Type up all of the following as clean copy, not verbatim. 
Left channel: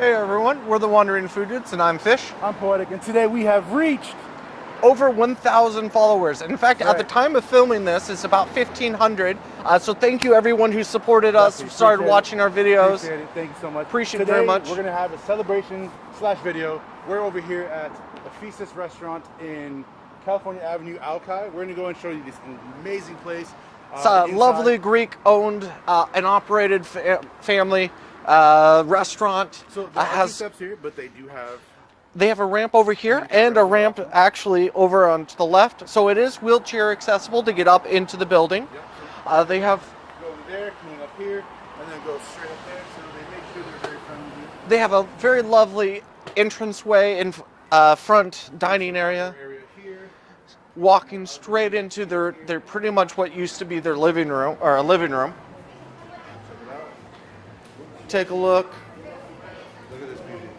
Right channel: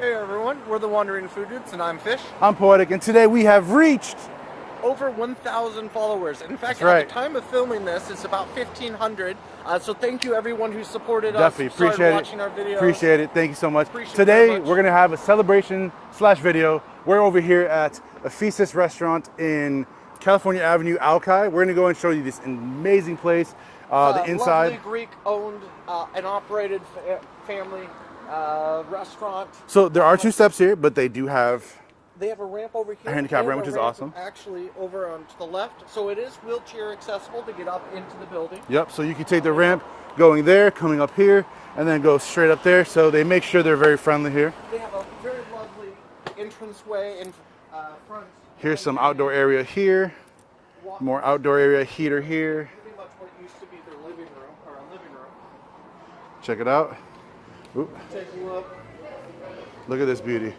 Hey everyone, we're the Wandering Food Dudes and I'm Fish. I'm Poetic, and today we have reached Over 1,000 followers. In fact, That's at right. the time of filming this, it's about 1,500. So thank you everyone who supported us, who Definitely started appreciate watching it. our videos. Appreciate it. Thank you so much. Appreciate it Today very much. we're gonna have a celebration slash video. We're over here at Ephesus restaurant in California Avenue, Alki. We're gonna go and show you this amazing place. It's The a inside. lovely Greek-owned and operated family restaurant. So there are two steps here, but they do have. They have a ramp over here handicap and a ramp, which is ramp awesome. actually over on to the left. So it is wheelchair accessible to get up into the building. Yep. So you can take the they ramp going there, coming up here, and then go straight up there. So they make sure they're very friendly here. They have a very lovely entranceway in front dining Here's some area. outdoor area here. Walking more outdoor straight area, into heater their, here. they're pretty much what used to be their living room or a living room. Check it out. Oop. Take a look. Look at this beauty.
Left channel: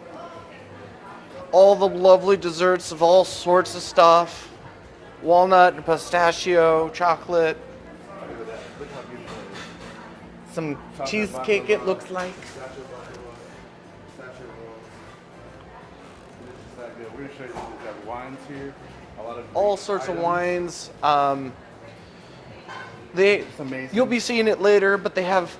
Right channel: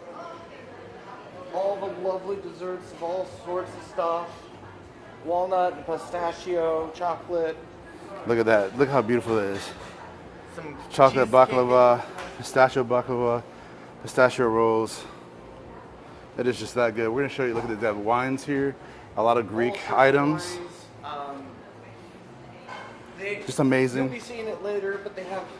All the lovely desserts of all sorts of stuff. Walnut, pistachio, chocolate. Look at that. Look how beautiful that is. Some Chocolate cheesecake, it baklava, looks like. pistachio baklava, pistachio rolls. It is just that good. We're gonna show you. Look at the wines here. A lot of Greek All sorts items. of wines. Just amazing. You'll be seeing it later, but they have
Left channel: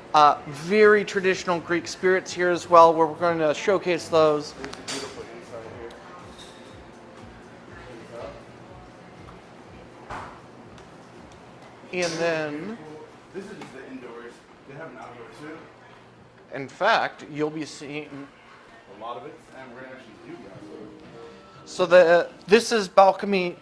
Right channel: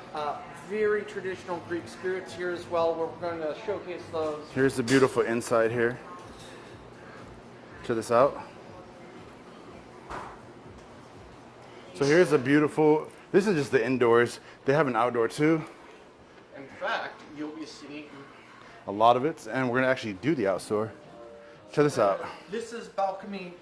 very traditional Greek spirits here as well, where we're going to showcase those. Here's the beautiful inside here. Check this out. And So here's the then, beautiful. This is just the indoors. They have an outdoor too. In fact, you'll be seeing. A lot of it, and we're gonna actually do the outdoor. So Check this out. this is balcony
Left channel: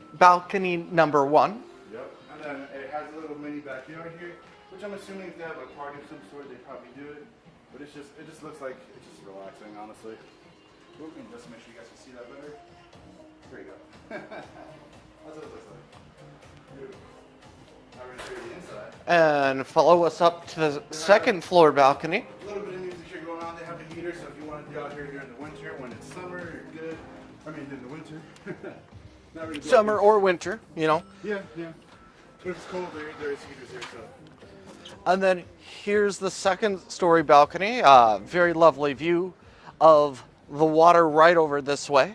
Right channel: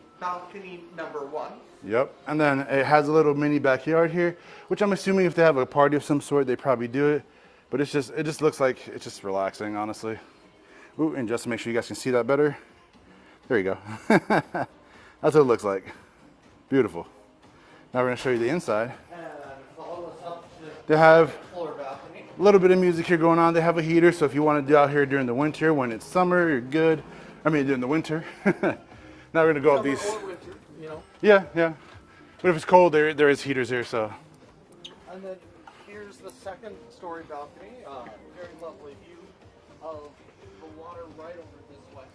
number 1. Yep, and then it has a little mini backyard here, which I'm assuming if they have a party of some sort, they probably do it. But it just looks like it's just relaxing, honestly. Ooh, and just to make sure you guys can see that better, there you go. That's what it looks like. Beautiful. Now we're gonna show you the inside. And follow us up to the They have- second floor balcony. A little bit of music here going on. They have a heater, so if you want to do out here during the winter, when it's summer, you're good. I mean, during the winter. Now we're gonna go up Summer these. or winter, you know. Yeah, yeah. But if it's cold, there is heaters here, so. And then here's the second story balcony. Very lovely view of the water right over this way.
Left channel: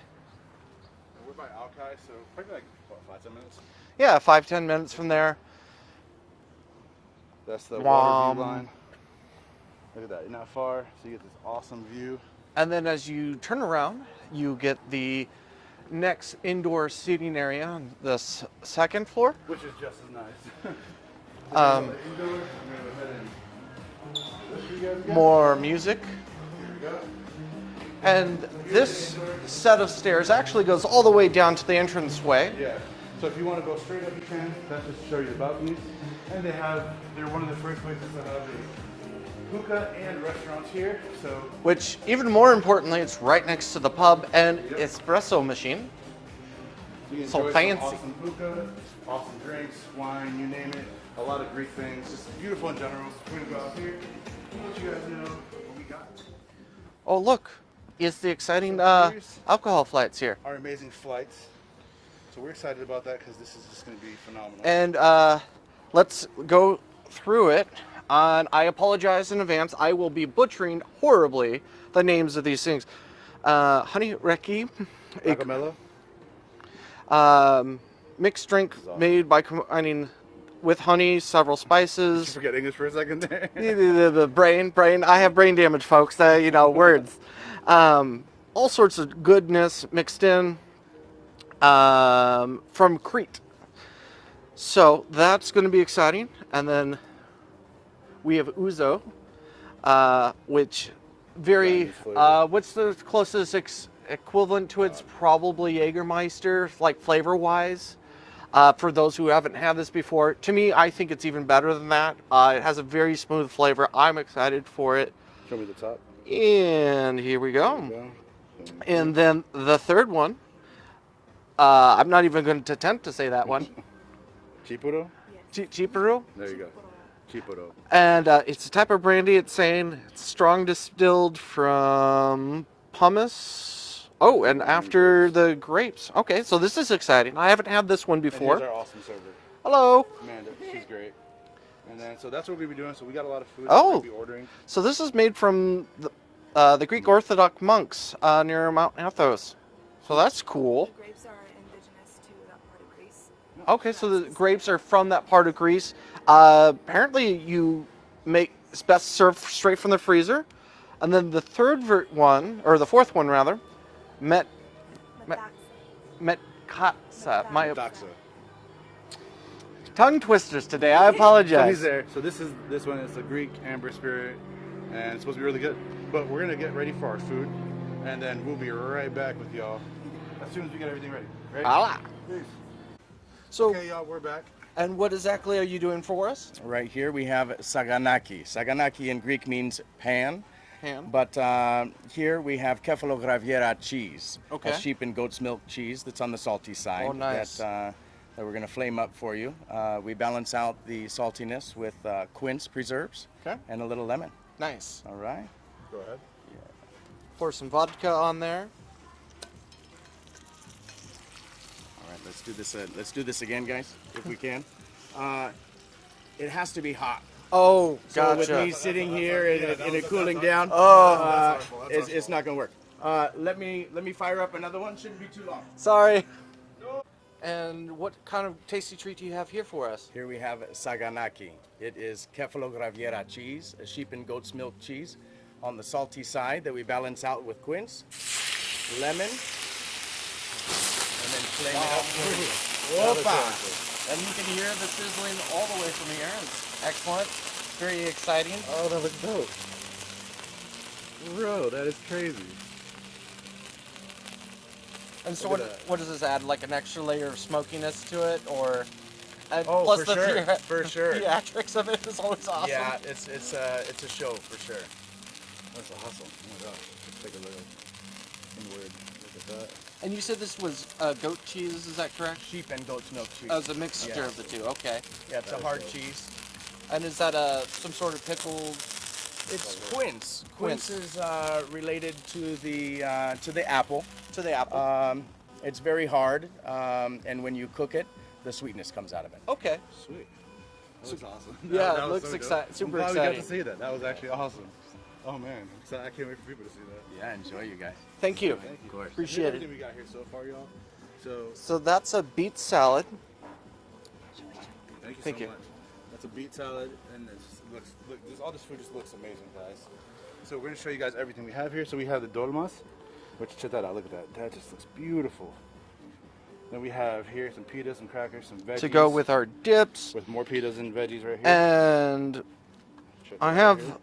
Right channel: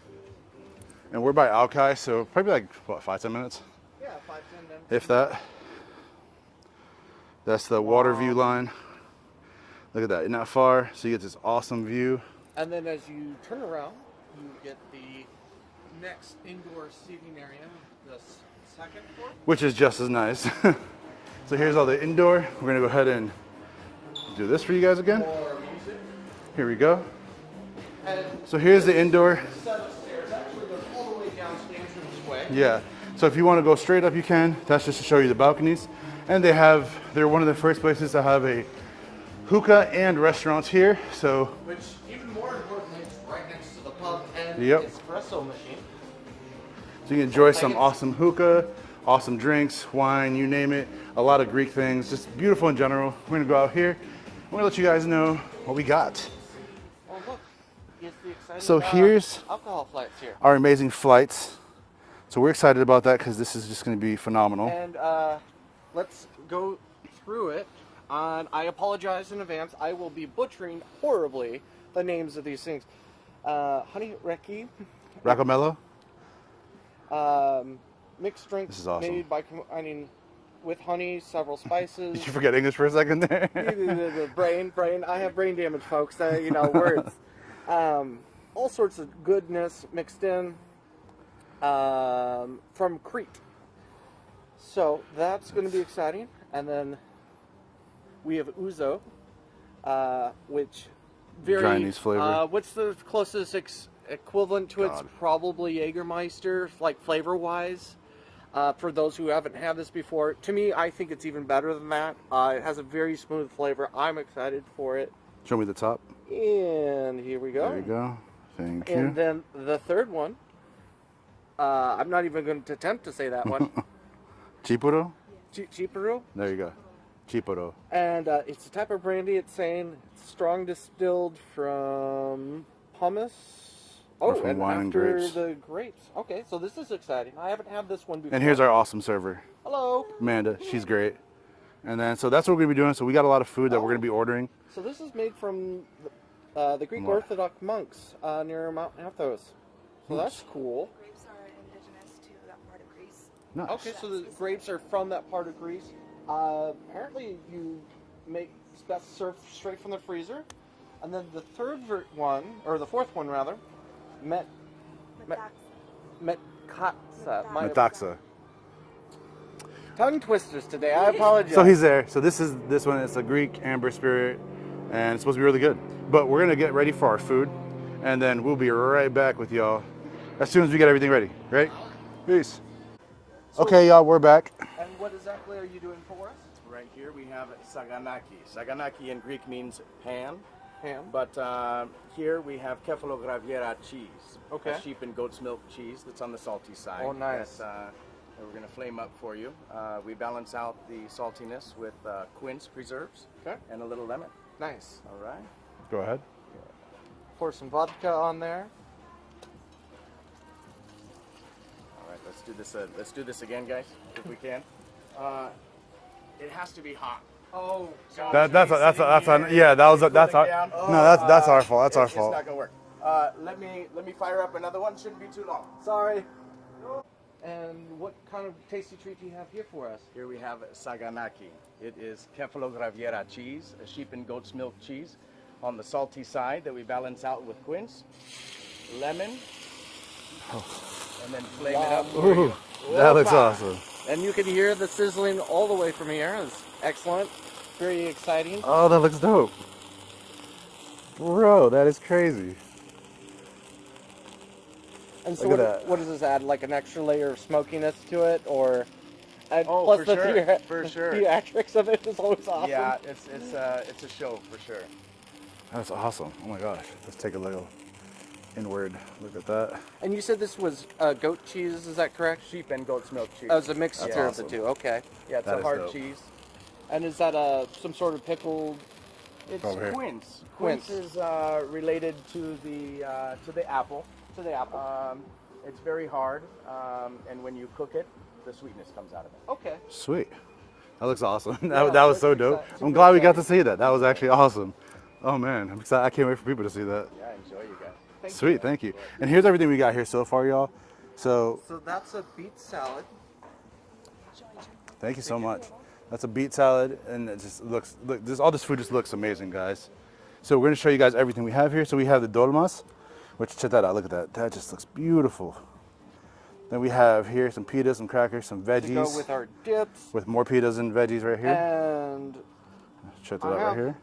And we're by Alki, so probably like, what, 5-10 minutes? Yeah, 5-10 minutes If from that. there. That's the water view Wow. line. Look at that, isn't that far? So you get this awesome view. And then as you turn around, you get the next indoor seating area on this second floor. Which is just as nice. So here's all the indoor. We're gonna go ahead and do this for you guys again. More music. Here we go. And So here's the this indoor. set of stairs actually goes all the way down to the entranceway. Yeah, so if you wanna go straight up, you can. That's just to show you the balconies. And they're one of the first places to have a hookah and restaurants here, so. Which, even more importantly, it's right next to the pub and Yep. espresso machine. So you can So enjoy some fancy. awesome hookah, awesome drinks, wine, you name it. A lot of Greek things, just beautiful in general. We're gonna go out here. We're gonna let you guys know what we got. Oh, look, it's the exciting So here's alcohol flights here. our amazing flights. So we're excited about that because this is just gonna be phenomenal. And let's go through it. And I apologize in advance. I will be butchering horribly the names of these things. Honey Reki, Raccamello? mixed drinks is awesome. made by combining with honey, several Did you spices. forget English for a second there? the brain. I have brain damage, folks. Words. All sorts of goodness mixed in from Crete. So that's going to be exciting. And then we have ouzo, which very. Chinese flavor. What's the closest equivalent to it's probably Jägermeister, like flavor-wise. For those who haven't had this before, to me, I think it's even better than that. It has a very smooth flavor. I'm excited for it. Show me the top. And here we go. There we go. Thank And you. then the third one, I'm not even going to attempt to say that one. Chipuro? Chipuru. There you go. Chipuro. And it's a type of brandy. It's saying it's strong distilled from pumice. Oh, From and wine and after grapes. the grapes. Okay, so this is exciting. I haven't had this one before. And here's our awesome server, Hello. Amanda. She's great. And then, so that's what we're gonna be doing. So we got a lot of food that we're Oh. gonna be ordering. So this is made from the Greek Orthodox monks near Mount Athos. So that's cool. The grapes are indigenous to that part of Greece. Nice. Okay, so the grapes are from that part of Greece. Apparently, you make it's best served straight from the freezer, and then the one, or the fourth one rather, met katsa. My Metaxa. tongue twisters today. I apologize. So he's there. So this one is a Greek amber spirit, and it's supposed to be really good. But we're gonna get ready for our food, and then we'll be right back with y'all as soon as we get everything ready. Right? Ah. Peace. So- Okay, y'all, we're back. And what exactly are you doing for us? Right here we have saganaki. Saganaki in Greek means pan, Ham. but here we have kefalograviera cheese, Okay. a sheep and goat's milk cheese that's on the salty side. Oh, nice. That we're gonna flame up for you. We balance out the saltiness with quince preserves Okay. and a little lemon. Nice. All right. Go ahead. Pour some vodka on there. All right. Let's do this. Let's do this again, guys, if we can. It has to be hot. Oh, So gotcha. That's our fault. That's our It's fault. not gonna work. Let me fire up another one. Shouldn't be too long. Sorry. And what kind of tasty treat do you have here for us? Here we have saganaki. It is kefalograviera cheese, a sheep and goat's milk cheese on the salty side that we balance out with quince, lemon, and then flame it up. Ooh, that looks Opa. awesome. And you can hear the sizzling all the way from here. It's excellent. Very exciting. Oh, that looks dope. Bro, that is crazy. And so Look at that. what does this add? Like an extra layer of smokiness to it, or Oh, plus for the sure, for sure. theatrics of it is always awesome. Yeah, it's a show for sure. That's awesome. Oh my gosh. Let's take a little inward look at that. And you said this was goat cheese, is that correct? Sheep and goat's milk cheese. As a mixture Yeah. of the two. Okay. Yeah, it's That a is hard dope. cheese. And is that some sort of pickled? It's over here. quince. Quince. Quince is related to the apple. To the apple. It's very hard, and when you cook it, the sweetness comes out of it. Okay. Sweet. That looks awesome. Yeah, that it was so looks dope. super I'm glad we got to exciting. see that. That was actually awesome. Oh man, I'm excited. I can't wait for people to see that. Yeah, enjoy you guys. Thank Sweet, you. thank you. And Appreciate here's it. everything we got here so far, y'all. So So that's a beet salad. thank you so Thank you. much. That's a beet salad, and it just looks all this food just looks amazing, guys. So we're gonna show you guys everything we have here. So we have the dolmas, which check that out. Look at that. That just looks beautiful. Then we have here some pitas, some crackers, some veggies. To go with our dips. with more pitas and veggies right here. And Check that I out have- right here.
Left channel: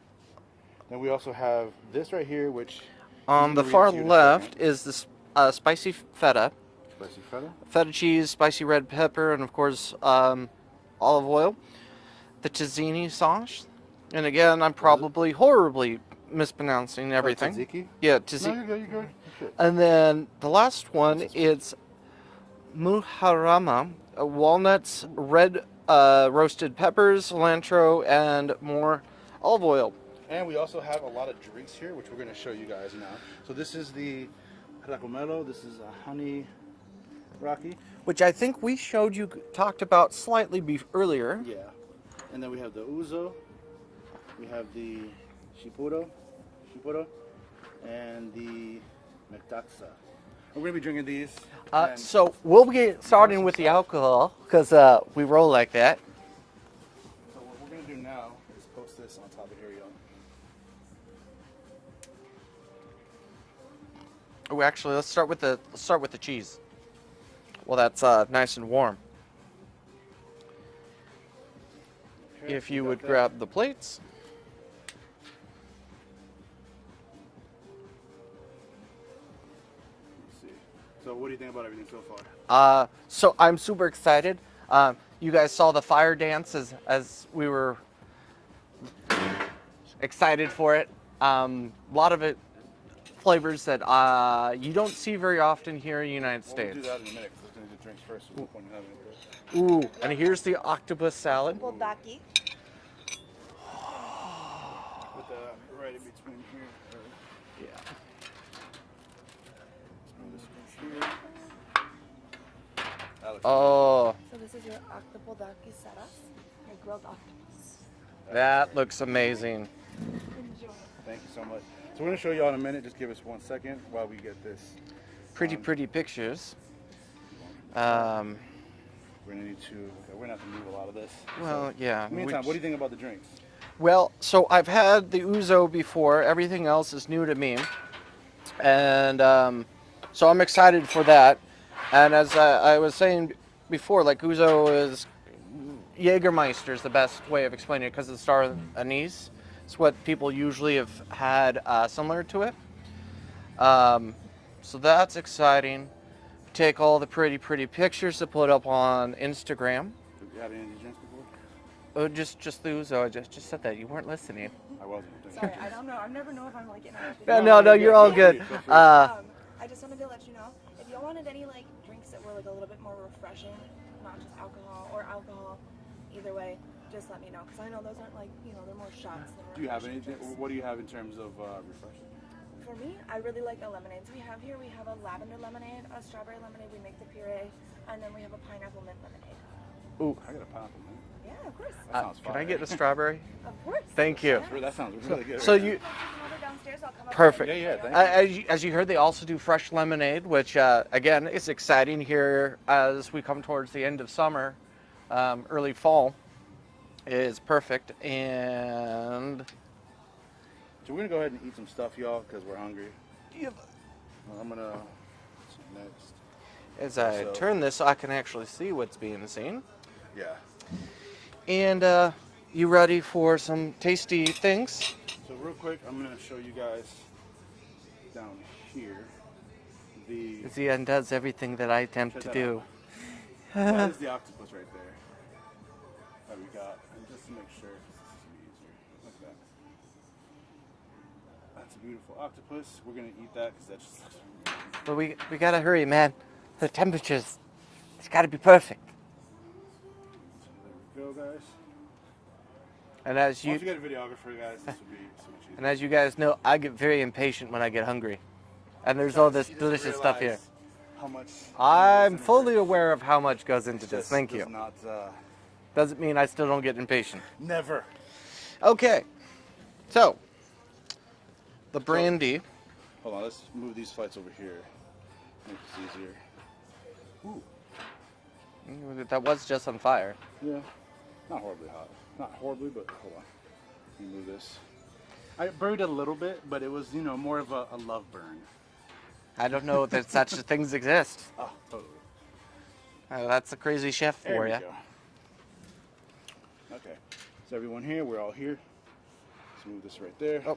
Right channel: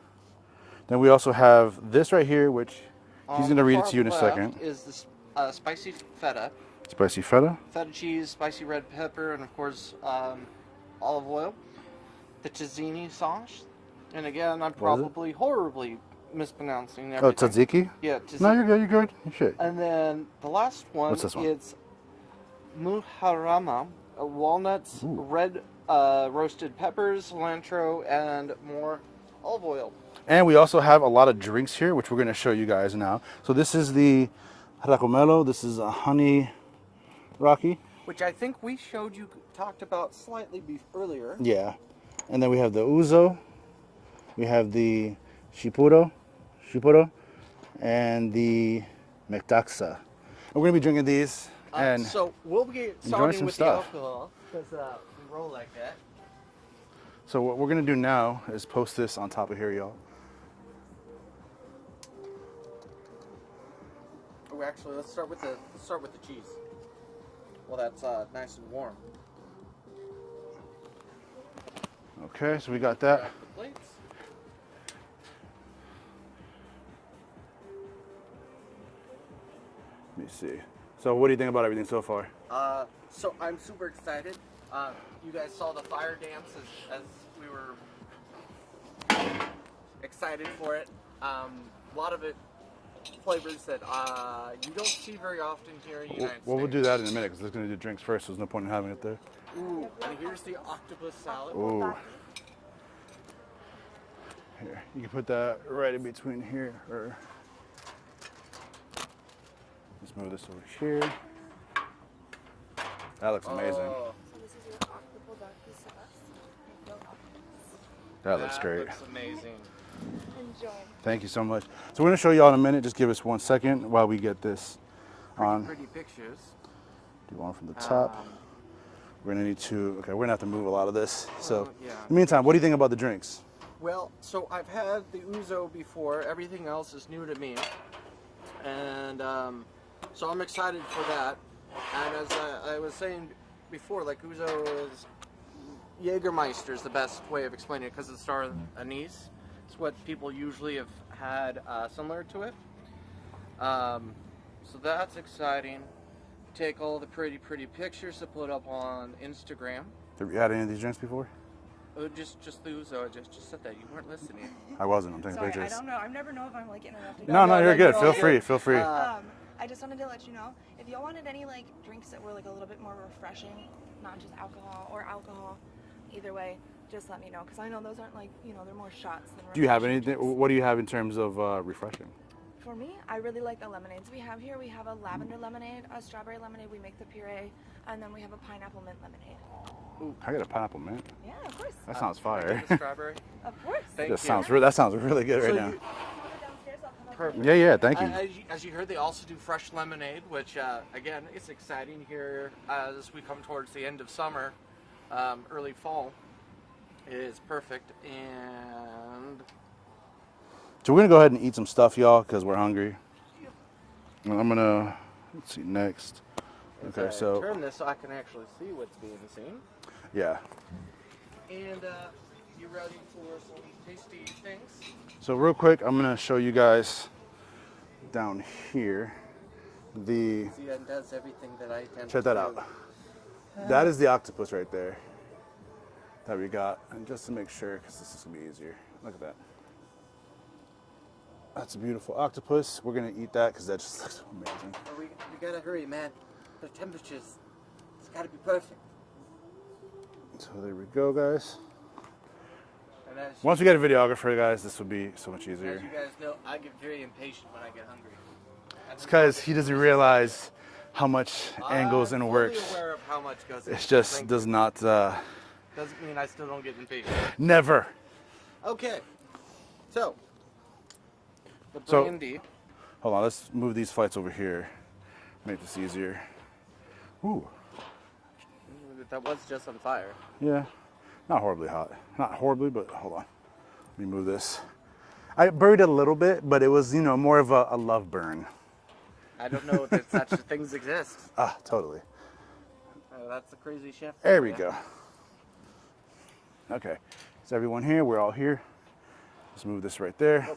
Then we also have this right here, which he's on gonna the read far to you in a left second. is this spicy feta. Spicy feta. Feta cheese, spicy red pepper, and of course olive oil. The tzatziki sauce. And again, I'm probably horribly mispronouncing everything. Tzatziki? Yeah, No, tzatziki. you're good. You're good. Shit. And then the last one, What's this one? it's muharama, walnuts, red roasted peppers, cilantro, and more olive oil. And we also have a lot of drinks here, which we're going to show you guys now. So this is the racomelo. This is a honey rocky. Which I think we showed you, talked about slightly earlier. Yeah. And then we have the ouzo. We have the shipuro, and the metaxa. And we're going to be drinking these. And So we'll get starting some with the stuff. alcohol, because we roll like that. so what we're going to do now is post this on top of here, y'all. Oh, actually, let's start with the cheese. Well, that's nice and warm. Okay, If so we you got would that. grab the plates. Let me see. So what do you think about everything so far? So I'm super excited. You guys saw the fire dance as we were excited for it. A lot of it flavors that you don't see very often here in the United Well, States. we'll do that in a minute because we're going to do drinks first. So there's no point in having it there. Ooh, and here's the octopus salad. Bulldaki. You can put that right in between here, or let's move this over here. That looks amazing. Oh, So this is your octopodaki salas, like grilled octopus. That that great. looks amazing. And Enjoy. Thank you so much. So we're gonna show y'all in a minute. Just give us 1 second while we get this. Pretty pictures. Do one from the top. Um, We're gonna need to. Okay, we're gonna have to move a lot of this. So well, yeah. in the meantime, what do you think about the drinks? Well, so I've had the ouzo before. Everything else is new to me, and so I'm excited for that. And as I was saying before, like ouzo is Jägermeister is the best way of explaining it because it's star anise. It's what people usually have had similar to it. So that's exciting. Take all the pretty pictures to put up on Instagram. Have you had any of these drinks before? Oh, just the ouzo. I just said that. You weren't listening. I wasn't. I'm taking Sorry, I pictures. don't know. I never know if I'm like interrupting. No, you're good. all Feel free. Feel free. I just wanted to let you know if y'all wanted any like drinks that were like a little bit more refreshing, not just alcohol or alcohol, either way, just let me know because I know those aren't like they're more shots. Do you have anything? What do you have in terms of refreshing? For me, I really like the lemonades we have here. We have a lavender lemonade, a strawberry lemonade. We make the puree, and then we have a pineapple mint lemonade. Ooh, I got a pineapple mint. Yeah, of course. That sounds Can I fire. get the strawberry? Of course. Thank That you. that sounds really good. So right now. you Come over downstairs. I'll come up. perfect. Yeah, thank you. As you heard, they also do fresh lemonade, which again is exciting here as we come towards the end of summer, early fall. Is perfect, and So we're gonna go ahead and eat some stuff, y'all, because we're hungry. And I'm gonna let's see next. as Okay, I so- turn this, I can actually see what's being seen. Yeah. And you ready for some tasty things? So real quick, I'm gonna show you guys down here the. Zian does everything that I attempt Check to that do. out. That is the octopus right there that we got. And just to make sure, because this is gonna be easier. Look at that. That's a beautiful octopus. We're gonna eat that because that just looks amazing. But we gotta hurry, man. The temperatures, it's gotta be perfect. So there we go, guys. And as you Once we get a videographer, guys, this will be so much easier. and as you guys know, I get very impatient when I get hungry. And there's all because this he doesn't delicious stuff here. realize how much angles I'm and fully works. aware of how much goes into It this. just Thank does you. not. Doesn't mean I still don't get impatient. Never. Okay, so the brandy. Hold on, let's move these flights over here. Make this easier. Ooh. That was just on fire. Yeah. Not horribly hot. Not horribly, but hold on. Let me move this. I buried it a little bit, but it was, more of a love burn. I don't know that such things exist. Ah, totally. That's a crazy chef for There we ya. go. Okay. Is everyone here? We're all here. Let's move this right there. Oh,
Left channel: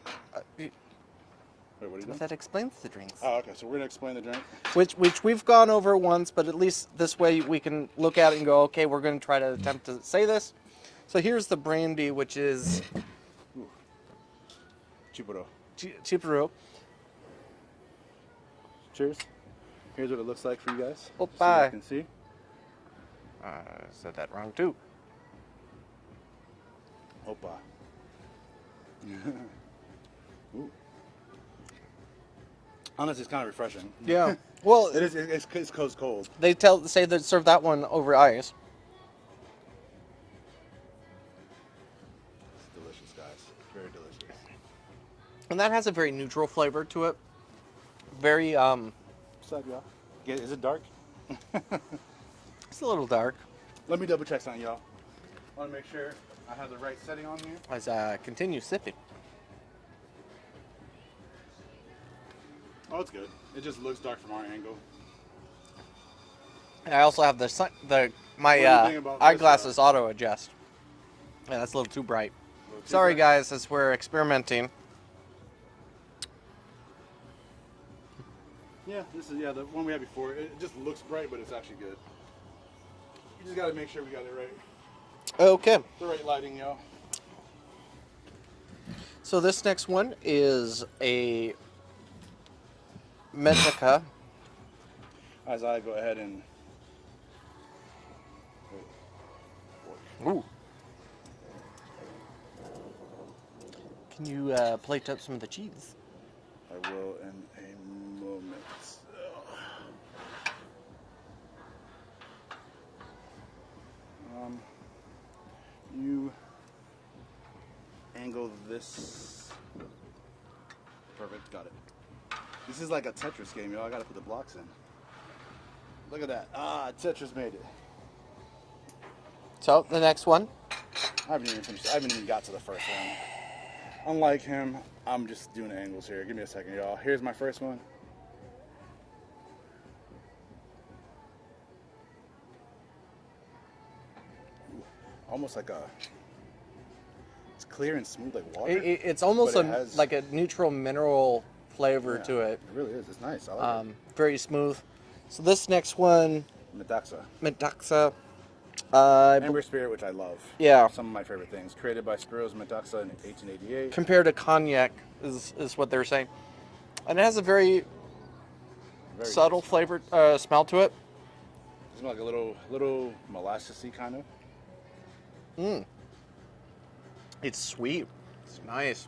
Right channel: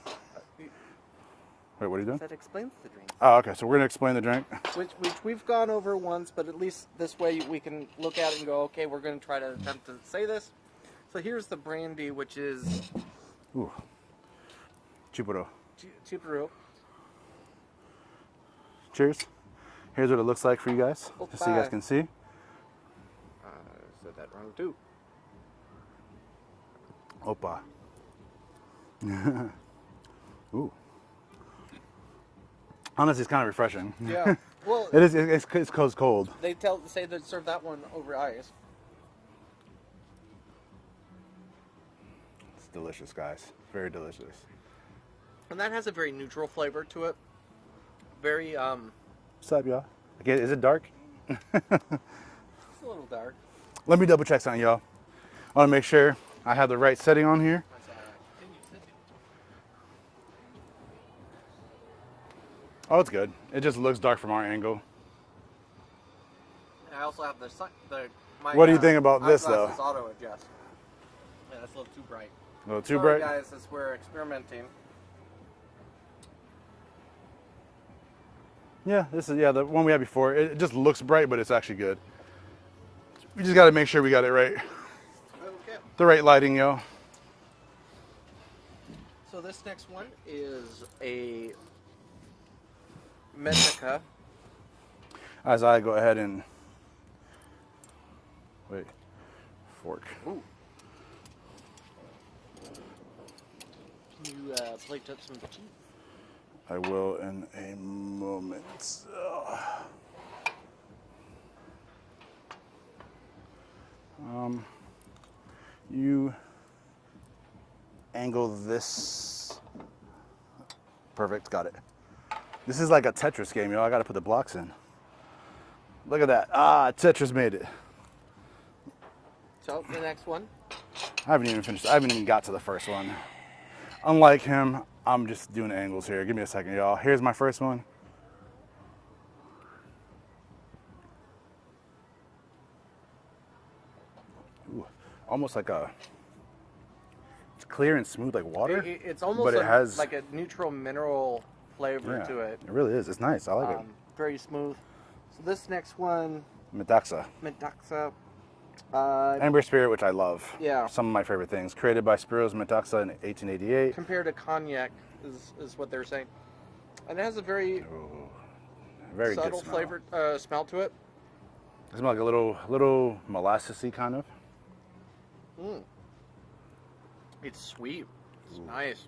Wait, what are you doing? that explains the drinks. Oh, okay. So we're gonna explain the drink. Which we've gone over once, but at least this way we can look at it and go, okay, we're going to try to attempt to say this. So here's the brandy, which is Ooh. Chipuro. Chipuro. Cheers. Here's what it looks like for you guys. Oh, Just so you guys bye. can see. I said that wrong too. Opa. Ooh. Honestly, it's kind of refreshing. Yeah. Well, It is. It's cold. they say that serve that one over ice. It's delicious, guys. Very delicious. And that has a very neutral flavor to it. Very, What's up, y'all? Okay, is it dark? it's a little dark. Let me double check something, y'all. I want to make sure I have the right setting on here. As I continue sipping. Oh, it's good. It just looks dark from our angle. And I also have my What do you think about this, eyeglasses auto adjust. Yeah, that's a little too bright. A little too Sorry, bright? guys, as we're experimenting. Yeah, this is the one we had before. It just looks bright, but it's actually good. We just got to make sure we got it right. Okay. The right lighting, y'all. So this next one is a moussaka. As I go ahead and wait, fork. Ooh. Can you plate up some of the cheese? I will in a moment. You angle this Perfect, got it. This is like a Tetris game, yo. I gotta put the blocks in. Look at that. Ah, Tetris made it. So the next one. I haven't even got to the first one. Unlike him, I'm just doing angles here. Give me a second, y'all. Here's my first one. Ooh, almost like it's clear and smooth like water. It's almost but it has, like a neutral mineral flavor to it. It really is. It's nice. I like it. Very smooth. So this next one, Metaxa. Amber Spirit, which I love. Yeah. Some of my favorite things. Created by Spiros Metaxa in 1888. compared to cognac is what they're saying. And it has a very Very subtle good smell. flavor smell to it. It smells like a little molassesy kind of. It's sweet. It's nice.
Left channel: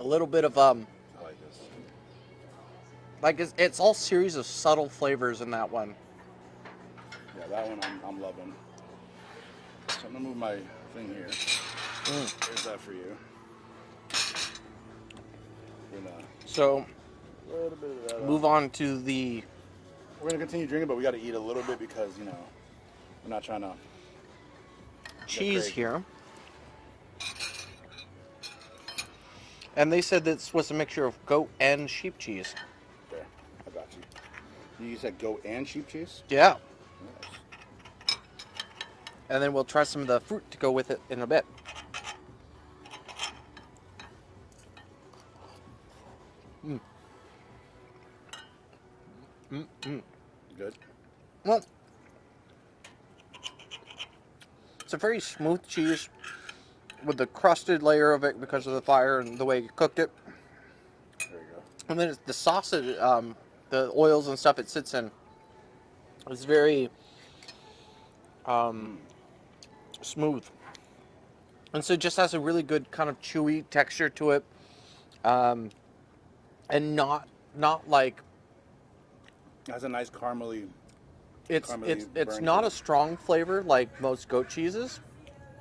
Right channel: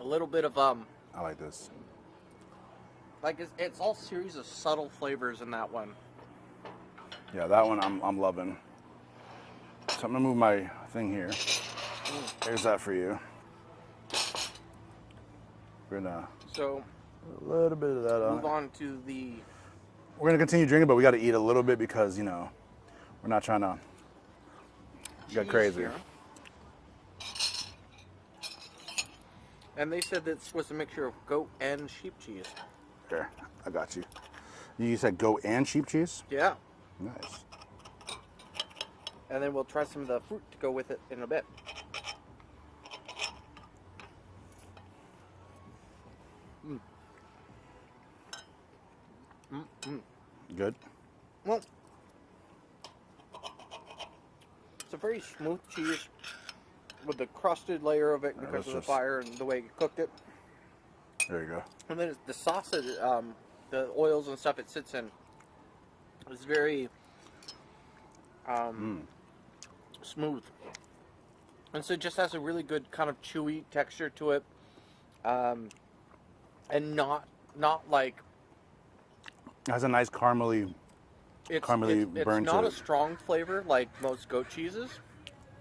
A little bit of I like this. like it's all series of subtle flavors in that one. Yeah, that one I'm loving. So I'm gonna move my thing here. There's that for you. We're gonna So a little bit of that. move on to the We're gonna continue drinking, but we got to eat a little bit because we're not trying to get cheese crazy. here. And they said this was a mixture of goat and sheep cheese. Here, I got you. You said goat and sheep cheese. Yeah. Nice. And then we'll try some of the fruit to go with it in a bit. Good. Well, it's a very smooth cheese with the crusted layer of it because of the fire and the way you cooked it. There you go. And then the sausage, the oils and stuff it sits in, is very smooth. And so it just has a really good kind of chewy texture to it. And not like It has a nice caramely. it's burn not to a it. strong flavor like most goat cheeses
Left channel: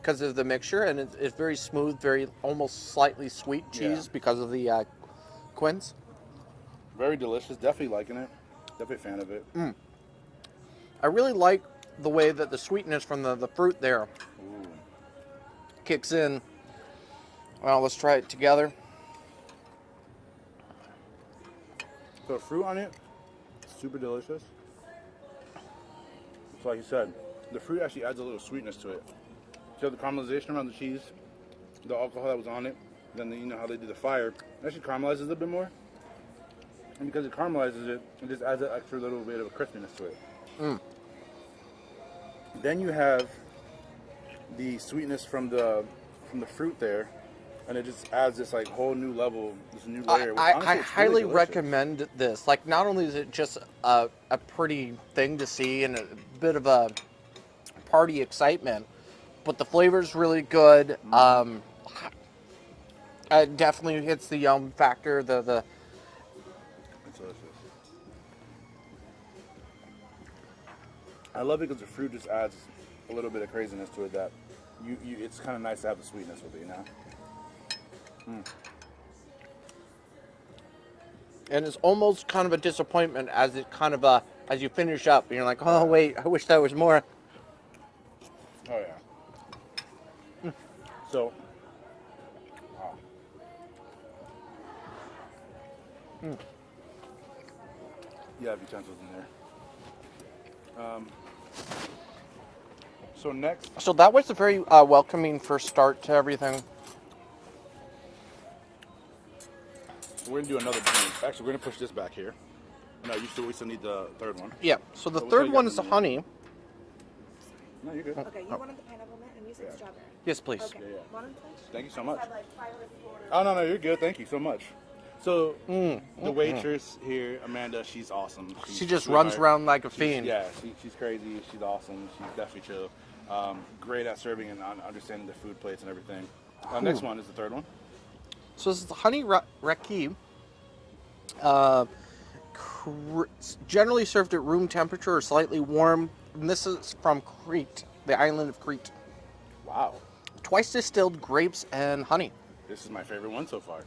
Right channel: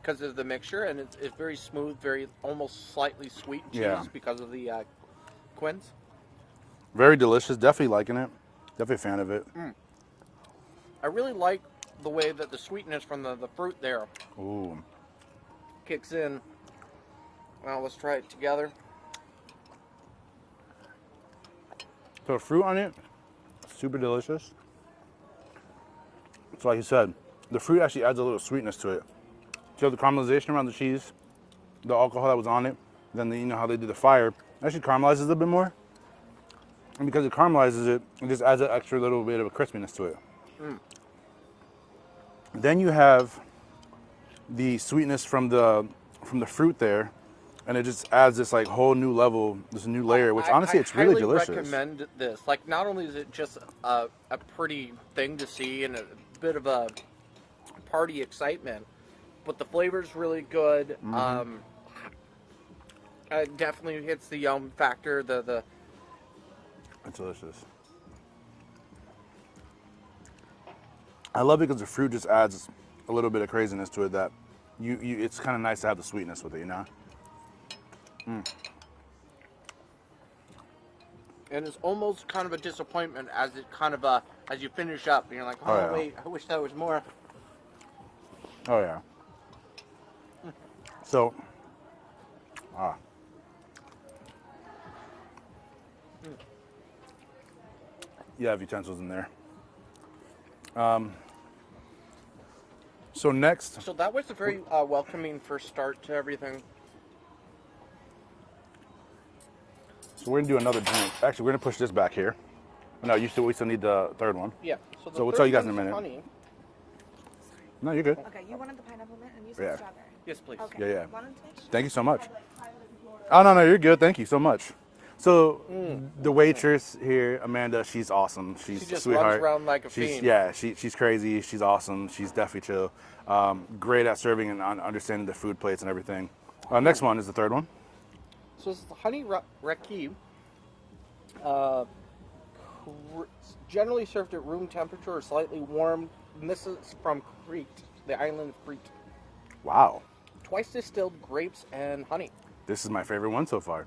because of the mixture, and it's very smooth, very almost slightly sweet cheese Yeah. because of the quince. Very delicious. Definitely liking it. Definitely a fan of it. I really like the way that the sweetness from the fruit there Ooh. kicks in. Well, let's try it together. So fruit on it, super delicious. So like you said, the fruit actually adds a little sweetness to it. So you have the caramelization around the cheese, the alcohol that was on it, then you know how they do the fire, it actually caramelizes it a bit more. And because it caramelizes it, it just adds an extra little bit of a crispiness to it. Then you have the sweetness from the fruit there, and it just adds this like whole new level, this new layer, which honestly it's really delicious. I highly recommend this. Like, not only is it just a pretty thing to see and a bit of a party excitement, but the flavor's really good. It definitely hits the yum factor. It's delicious. I love it because the fruit just adds a little bit of craziness to it that it's kind of nice to have the sweetness with it, you know? And it's almost kind of a disappointment as it kind of as you finish up and you're like, oh yeah. wait, I wish there was more. Oh yeah. So, you have utensils in there. So next, So that was a very welcoming first start to everything. we're gonna do another drink. Actually, we're gonna push this back here. No, we still need the third one. Yeah. So the So we'll tell third you guys one in a is the minute. honey. No, you're good. Okay, you wanted the pineapple mint and you said Yeah. strawberry. Yes, please. Okay. Yeah. Want 'em, please? Thank you so much. I have like 500 people ordering. Oh no, you're good. Thank you so much. So the waitress here, Amanda, she's awesome. She's She a just sweetheart. runs around like a She's- fiend. Yeah, she's crazy. She's awesome. She's definitely chill. Great at serving and understanding the food plates and everything. Next one is the third one. So this is the honey raki. Generally served at room temperature or slightly warm. And this is from Crete, the island of Crete. Wow, Twice distilled grapes and honey. this is my favorite one so far.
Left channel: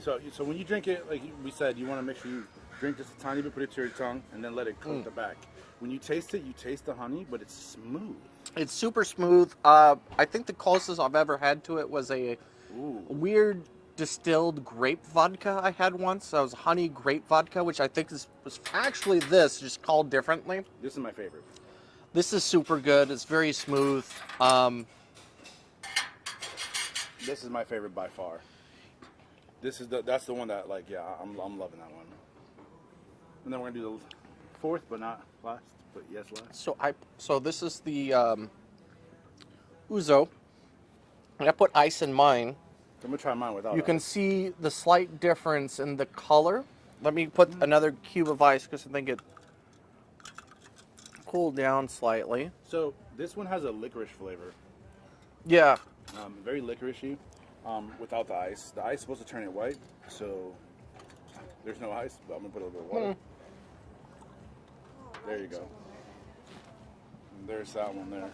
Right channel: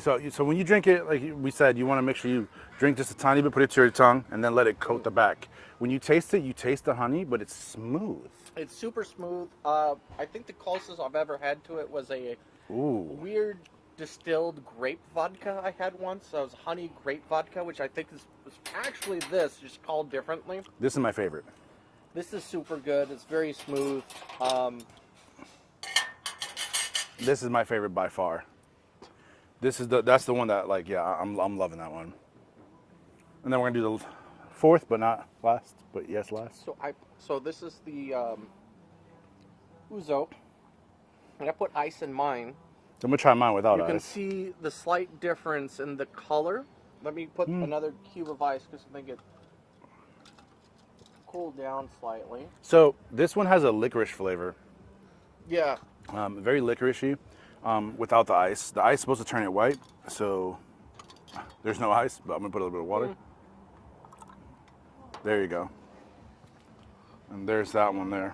So when you drink it, like we said, you want to make sure you drink just a tiny bit, put it to your tongue, and then let it coat the back. When you taste it, you taste the honey, but it's smooth. It's super smooth. I think the closest I've ever had to it was a Ooh. weird distilled grape vodka I had once. That was honey grape vodka, which I think was actually this, just called differently. This is my favorite. This is super good. It's very smooth. This is my favorite by far. That's the one that, like, yeah, I'm loving that one. And then we're gonna do the fourth, but not last, but yes, last. So this is the ouzo. And I put ice in mine. I'm gonna try mine without You can ice. see the slight difference in the color. Let me put another cube of ice because I think it cooled down slightly. So this one has a licorice flavor. Yeah. Very licoricey, without the ice. The ice is supposed to turn it white, so there's no ice, but I'm gonna put a little bit of water. There you go. And there's that one there.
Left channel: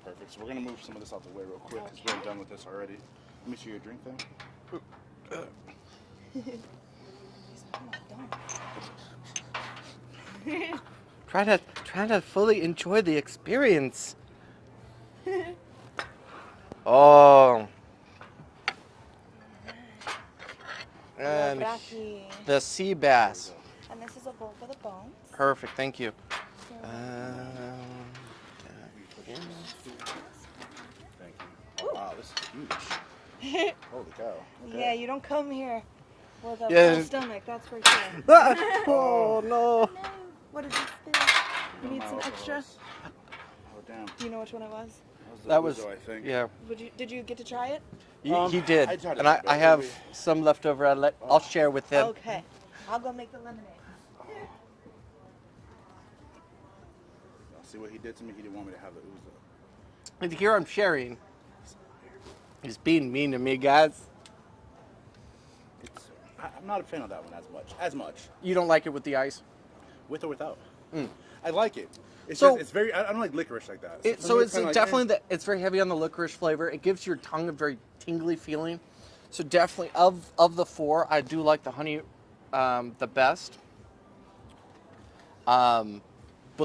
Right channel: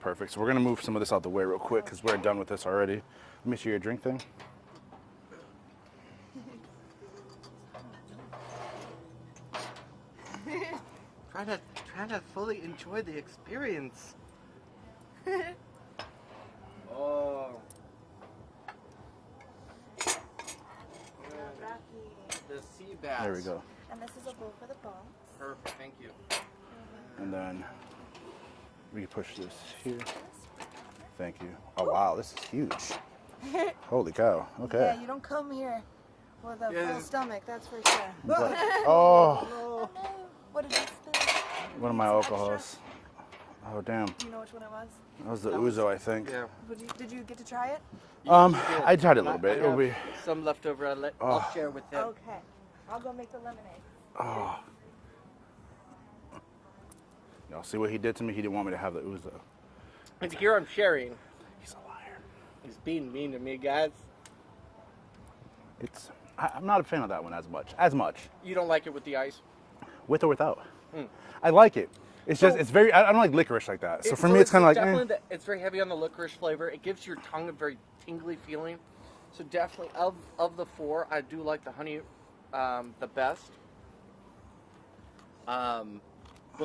Perfect. So we're gonna move some of this out the way real quick because we're done with this already. Let me see your drink thing. Try to fully enjoy the experience. Oh. And the sea bass. There we go. And this is a bowl for the bones. Perfect, thank you. And then we can push this here. Thank you. Oh wow, this is huge. Holy cow. Okay. Yeah, you don't come here with a Yeah. full stomach, that's for sure. Oh, no. What did you spill? one of You my need some extra? alcohols. Oh damn. Do you know which one it was? That was the That was- ouzo, I think. Yeah. Did you get to try it? You did. I tried it a And little bit. I have It'll be- some left over. I'll share with them. Okay. I'll go make the lemonade. Oh. Y'all see what he did to me? He didn't want me to have the ouzo. And here I'm sharing. He's a liar. He's being mean to me, guys. I'm not a fan of that one as much. You don't like it with the ice? With or without. I like it. It's So- just, it's very, I don't like licorice like that. So for me, it's kind of like, definitely it's very heavy on the licorice flavor. It gives your tongue a very tingly feeling. So definitely of the four, I do like the honey the best. But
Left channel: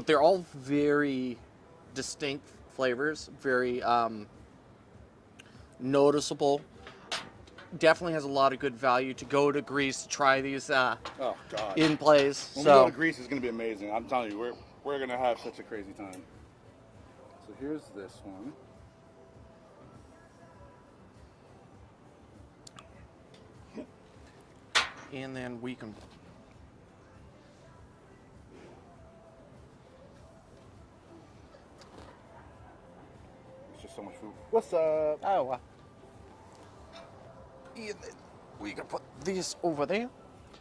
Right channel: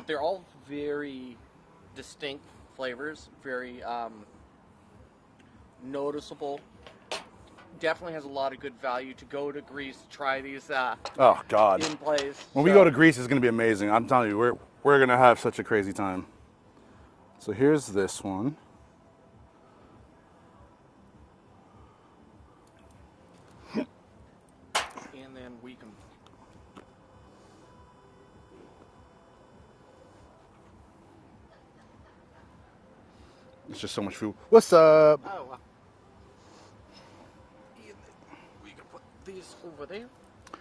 they're all very distinct flavors, very noticeable. Definitely has a lot of good value to go to Greece to try these oh God. in place. When we go to Greece, it's going to be amazing. I'm telling you, we're going to have such a crazy time. So here's this one. And then we can. It's just so much food. What's up? Oh, wow. And then we can put these over there.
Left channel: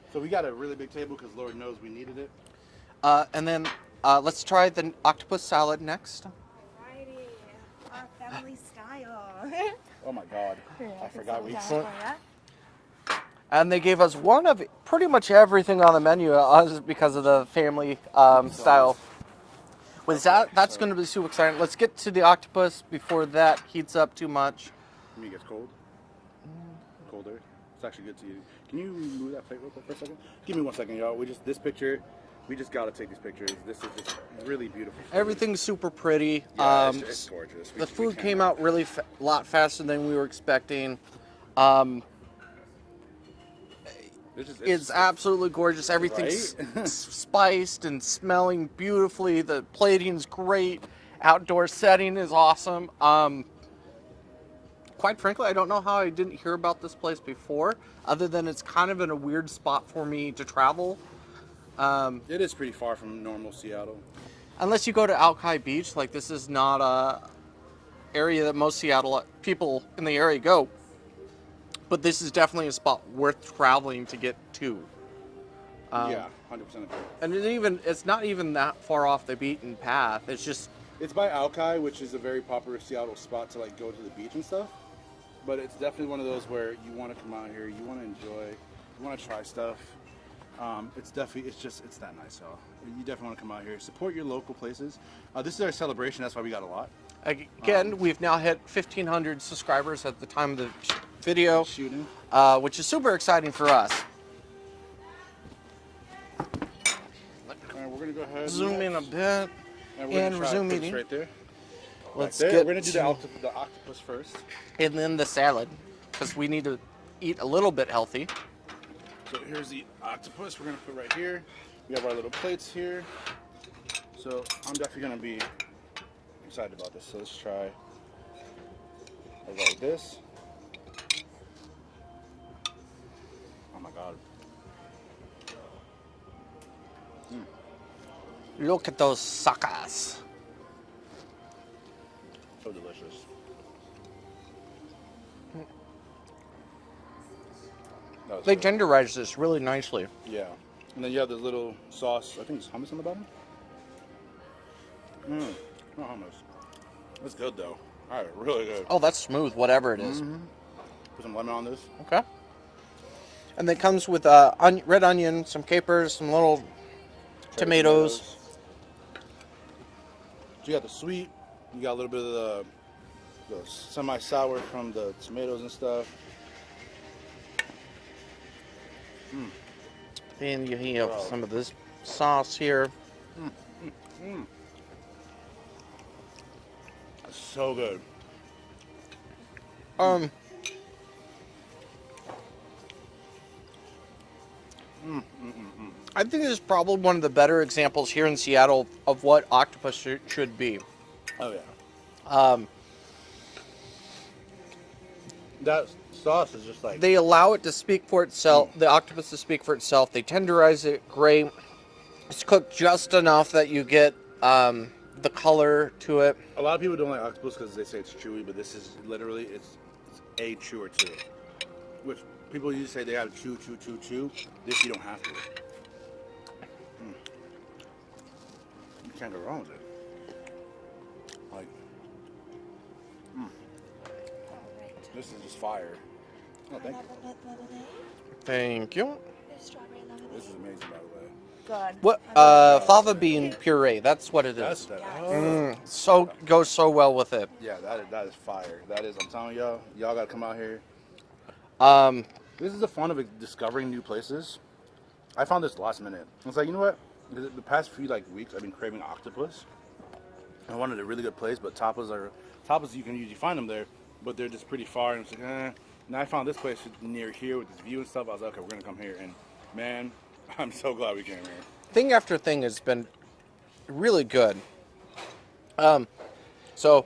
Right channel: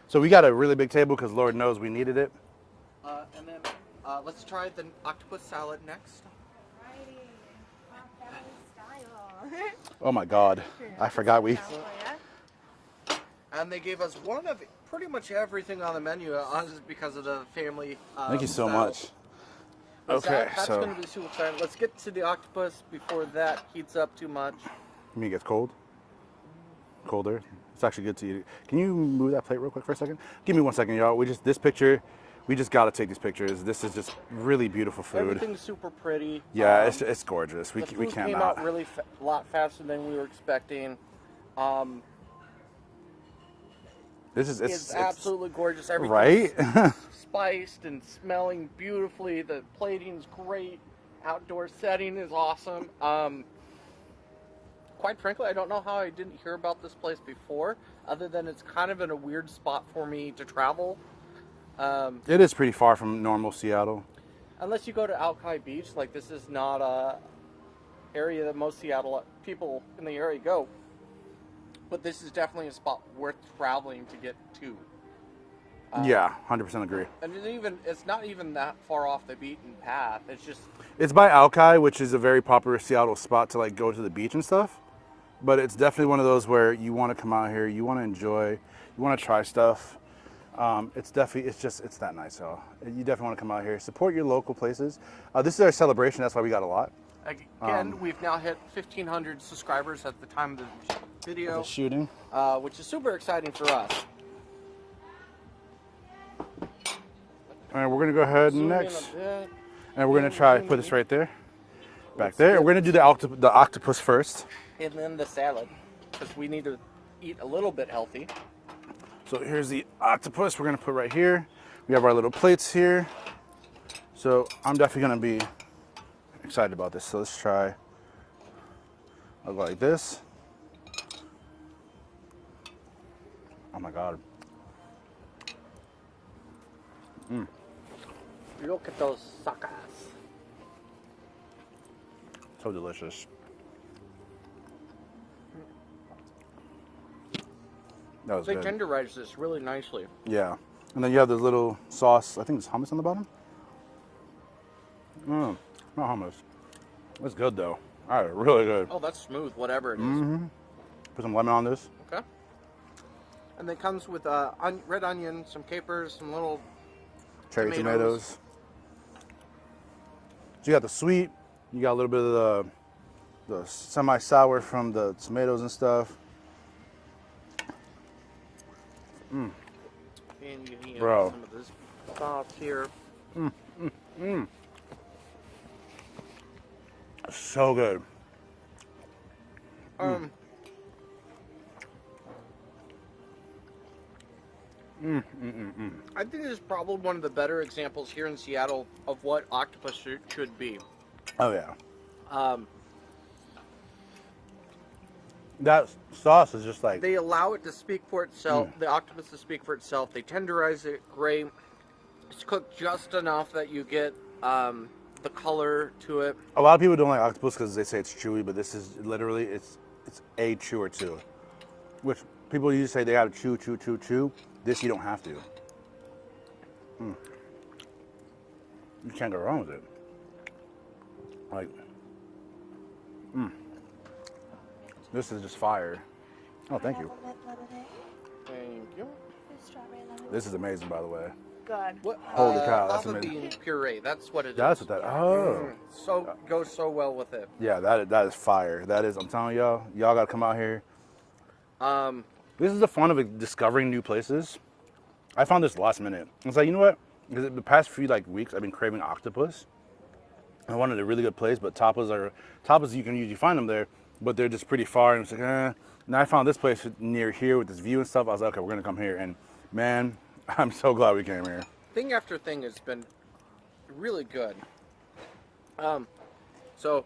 So we got a really big table because Lord knows we needed it. And then let's try the octopus salad next. Alrighty. Our family style. Oh my God. I forgot we. And they gave us one of pretty much everything on the menu because of the family Thank you so style. much. With Okay, that's so- going to be super exciting. Let's get to the octopus before that heats up too much. You mean it gets cold? Colder. It's actually good to eat it. Can you move that plate real quick for a second? Give me 1 second, y'all. We just got to take these pictures. This is just really beautiful food. Everything's super pretty. Yeah, it's gorgeous. The We food can't came not. out really a lot faster than we were expecting. It's absolutely gorgeous. Everything's Right? spiced and smelling beautifully. The plating's great. Outdoor setting is awesome. Quite frankly, I don't know how I didn't hear about this place before, other than it's kind of in a weird spot for me to travel. It is pretty far from normal Seattle. Unless you go to Alki Beach, like this is not a area that most Seattle people in the area go. But this is definitely a spot worth traveling to get to. Yeah, 100% agree. And it's not even that far off the beaten path. It's just It's by Alki, which is a very popular Seattle spot to like go to the beach and stuff. But it's definitely one of those where you want to come out here, you want to enjoy, you want to try stuff. It's that nice, y'all. You definitely want to come out here, support your local places. This is our celebration, that's why we got a lot. Again, we've now hit 1,500 subscribers at the time of the video, Shooting. which is super exciting for us. All right, we're gonna go ahead Zoom next, in a bit. and we're gonna try to zoom put this in. right there, back Let's there. get We're gonna do the octopus first. And then the salad, because we need to eat a little bit healthy. So here's the octopus we're gonna put right here. We have our little plates here. So I'm definitely gonna be excited about this. So let's try. I'll go like this. Oh my God. Look at those suckers. So delicious. That was They good. tenderize this really nicely. Yeah. And then you have this little sauce. I think it's hummus on the bottom. Not hummus. That's good though. All right, really good. Oh, that's smooth, whatever it is. Put some lemon on this. Okay. And it comes with red onion, some capers, some little Cherry tomatoes. So you got the sweet. You got a little bit of the semi-sour from the tomatoes and stuff. And you have Bro. some of this sauce here. So good. I think this is probably one of the better examples here in Seattle of what octopus should be. Oh yeah. That sauce is just like They allow it to speak for itself, the octopus to speak for itself. They tenderize it great. It's cooked just enough that you get the color to it. a lot of people don't like octopus because they say it's chewy, but this is literally it's a chew or two. Which people usually say they have to chew. This you don't have to. You can't go wrong with it. Like, this is just fire. Oh, thank you. Thank you. Strawberry lemonade. This is amazing, by the way. Good. What cow, fava that's bean puree? That's what it is. That's what that. Oh. So goes so well with it. Yeah, that is fire. That is. I'm telling y'all gotta come out here. This is the fun of discovering new places. I found this last minute. It's like, you know what? Because the past few weeks, I've been craving octopus. I wanted a really good place, but tapas you can usually find them there, but they're just pretty far. And it's like, eh. And I found this place near here with this view and stuff. I was like, okay, we're gonna come here. And man, I'm so glad we came here. Thing after thing has been really good. So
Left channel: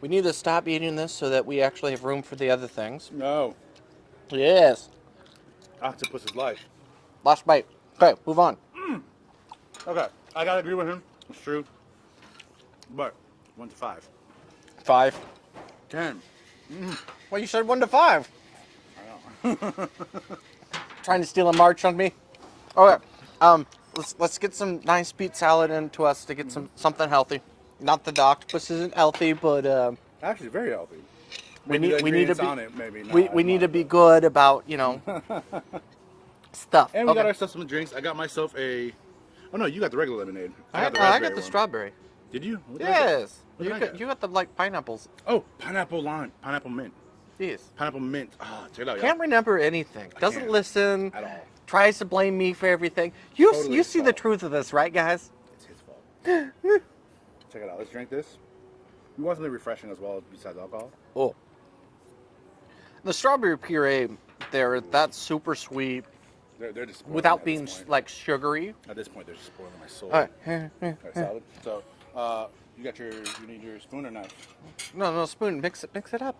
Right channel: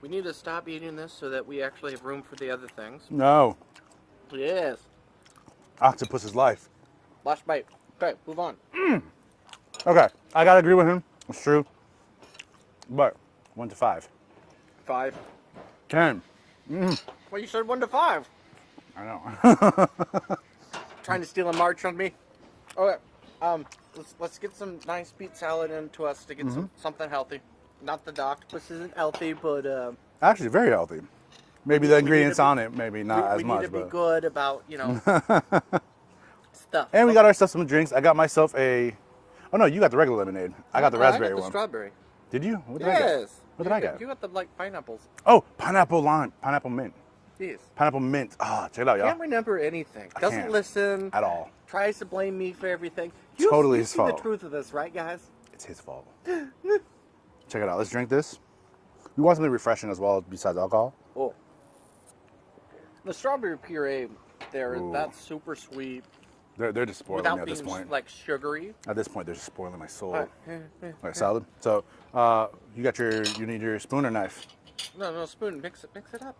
we need to stop eating this so that we actually have room for the other things. No, Yes. octopus is life. Last bite. Okay, move on. Okay, I gotta agree with him. It's true. But 1 to 5. 5. 10. Well, you said 1 to 5. I know. Trying to steal a march on me. Okay. Let's get some nice beet salad into us to get something healthy. Not that the octopus isn't healthy, but Actually, very healthy. Maybe need- the we need to ingredients be- on it, maybe not. we as need much, to be but- good about, stuff. And we got Okay. ourselves some drinks. I got myself a. Oh no, you got the regular lemonade. I got the I raspberry got the one. strawberry. Did you? What did I get? Yes. What You did I got, get? you got the pineapples. Oh, pineapple lime, pineapple mint, Yes. pineapple mint. Oh, check it out, y'all. Can't remember anything. Doesn't can't. listen. At all. Tries to blame me for everything. You Totally you his see the fault. truth of this, right, guys? It's his fault. Check it out. Let's drink this. We want something refreshing as well, besides alcohol. Oh. The strawberry puree there, Ooh. that's super sweet They're just spoiling without me at being this point. like sugary. At this point, they're just spoiling my soul. All All right. right, salad. So, you need your spoon or knife. No, spoon. Mix it up.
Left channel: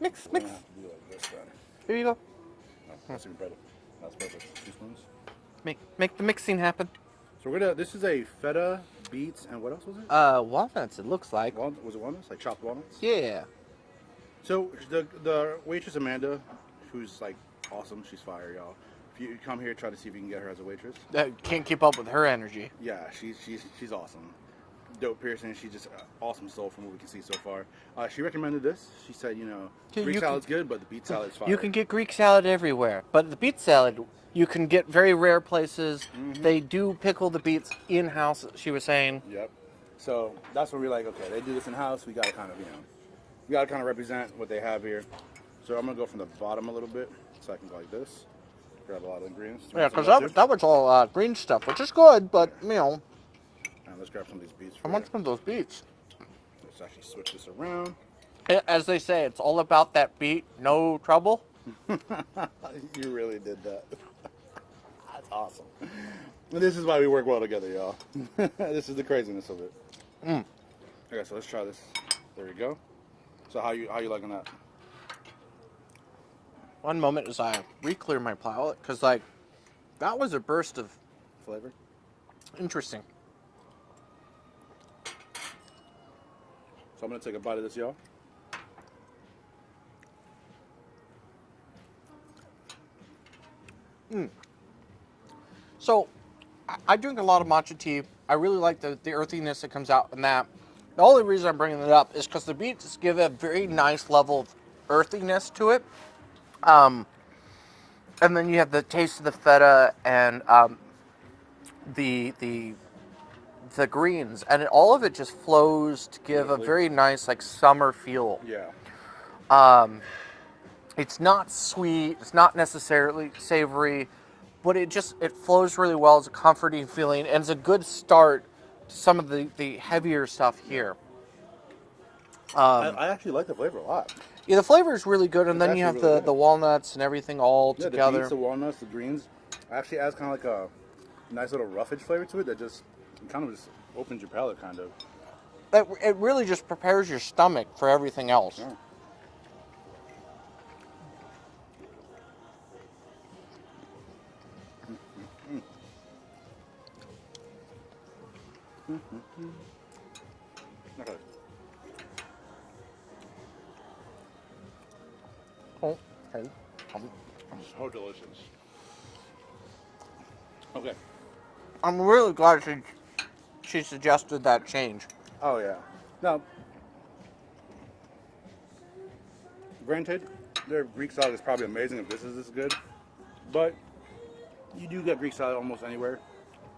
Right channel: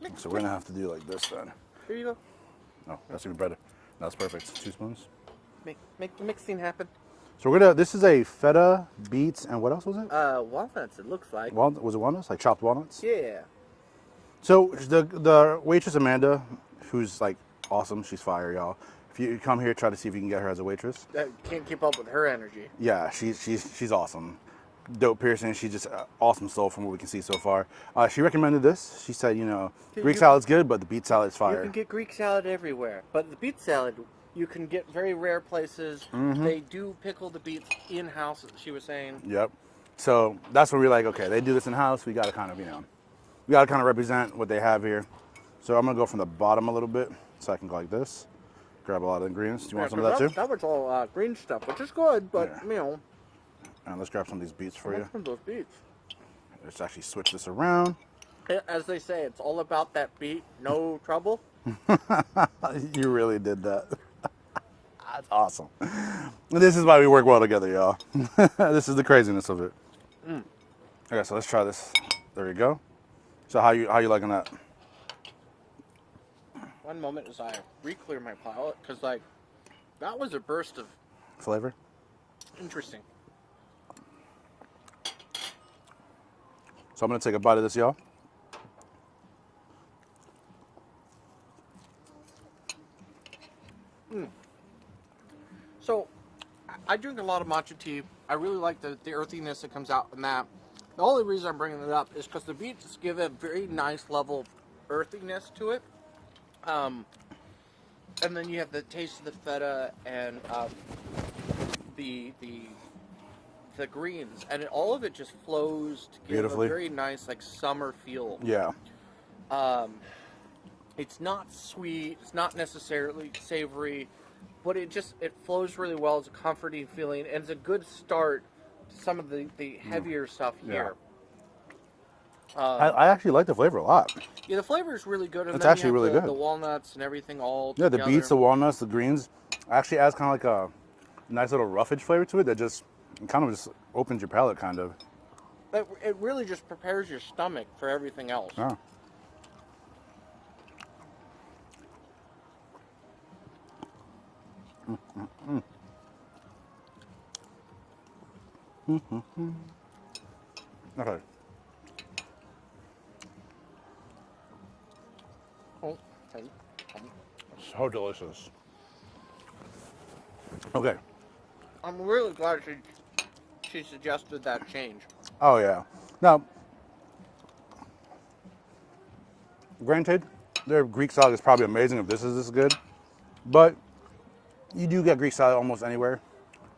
Mix. So we're gonna have to do like this then. Here you go. No, that's even better. That's perfect. 2 spoons. Make the mixing happen. So we're gonna. This is a feta, beets, and what else was it? Walnuts. It looks like. Was it walnuts? Like chopped walnuts? Yeah. So the waitress Amanda, who's like awesome. She's fire, y'all. If you come here, try to see if you can get her as a waitress. Can't keep up with her energy. Yeah, she's awesome. Dope piercing. She's just awesome soul from what we can see so far. She recommended this. She said, Greek salad's good, but the beet salad is fire. You can get Greek salad everywhere, but the beet salad you can get very rare places. Mm-hmm. They do pickle the beets in-house, she was saying. Yep. So that's where we're like, okay, they do this in house. We gotta kind of, we gotta kind of represent what they have here. So I'm gonna go from the bottom a little bit, so I can go like this. Grab a lot of ingredients. Do you Yeah, want some of because that too? that was all green stuff, which is good, but Now let's grab some of these beets I for you. want some of those beets. Let's actually switch this around. As they say, it's all about that beet, no trouble. You really did that. That's awesome. This is why we work well together, y'all. This is the craziness of it. Okay, so let's try this. There you go. So how you liking that? One moment as I re-clear my palate, because like that was a burst of Flavor? interesting. So I'm gonna take a bite of this, y'all. So I drink a lot of matcha tea. I really like the earthiness that comes out in that. The only reason I'm bringing it up is because the beets give a very nice level of earthiness to it. And then you have the taste of the feta and the greens, and all of it just flows to give a Beautifully. very nice like summer feel. Yeah. It's not sweet, it's not necessarily savory, but it flows really well. It's a comforting feeling, and it's a good start to some of the heavier stuff here. I actually like the flavor a lot. Yeah, the flavor is really good, and It's then you have actually really the good. walnuts and everything all Yeah, together. the beets, the walnuts, the greens actually adds kind of like a nice little roughage flavor to it that just kind of just opens your palate, kind of. It really just prepares your stomach for everything else. Yeah. Okay. So delicious. Okay. I'm really glad she suggested that change. Oh yeah. Now, granted, their Greek salad is probably amazing if this is this good, but you do get Greek salad almost anywhere,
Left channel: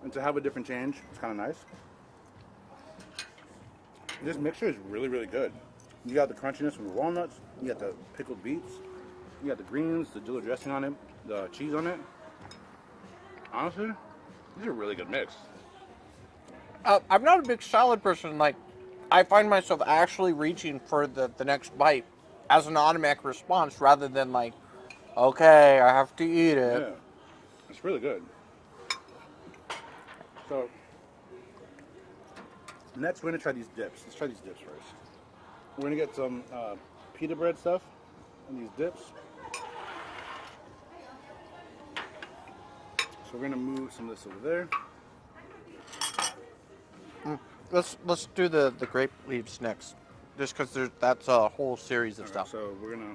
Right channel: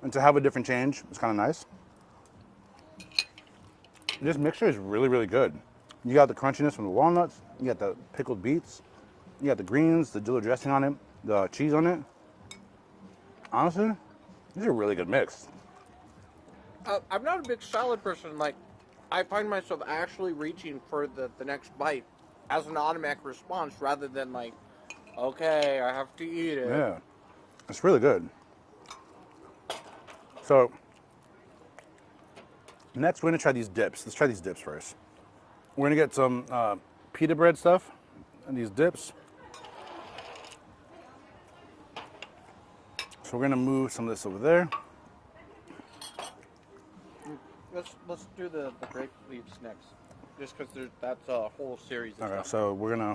and to have a different change is kind of nice. This mixture is really, really good. You got the crunchiness from the walnuts, you got the pickled beets, you got the greens, the dill dressing on it, the cheese on it. Honestly, this is a really good mix. I'm not a big salad person. Like, I find myself actually reaching for the next bite as an automatic response rather than like, okay, I have to eat it. Yeah, it's really good. So, next we're gonna try these dips. Let's try these dips first. We're gonna get some pita bread stuff and these dips. So we're gonna move some of this over there. Let's do the grape leaves next, just because that's a whole series of All right, stuff. so we're gonna,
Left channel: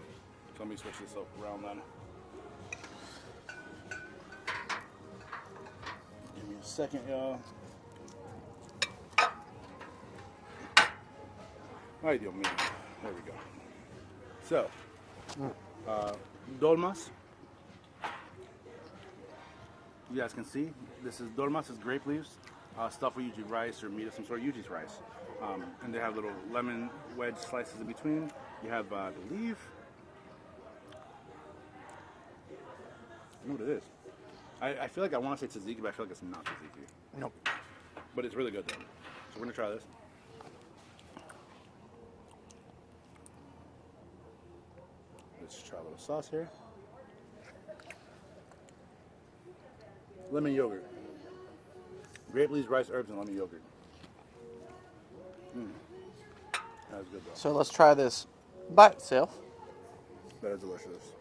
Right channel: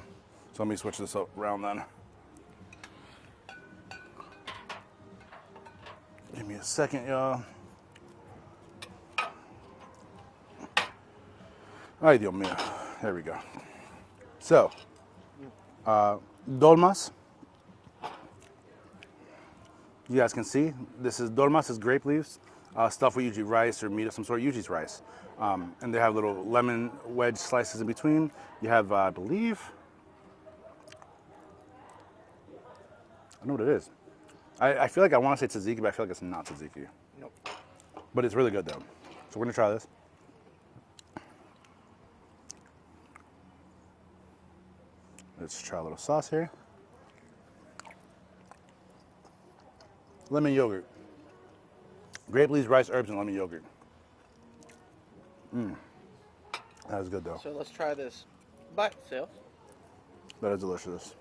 so let me switch this up around then. Give me a second, y'all. Ay, Dios mío. There we go. So, dolmas. You guys can see, this is dolmas is grape leaves, stuffed with usually rice or meat of some sort, usually it's rice. And they have little lemon wedge slices in between. You have, I believe, I know what it is. I feel like I want to say tzatziki, but I feel like it's not tzatziki. Nope. But it's really good though. So we're gonna try this. Let's try a little sauce here. Lemon yogurt. Grape leaves, rice, herbs, and lemon yogurt. That is good though. So let's try this by itself. That is delicious.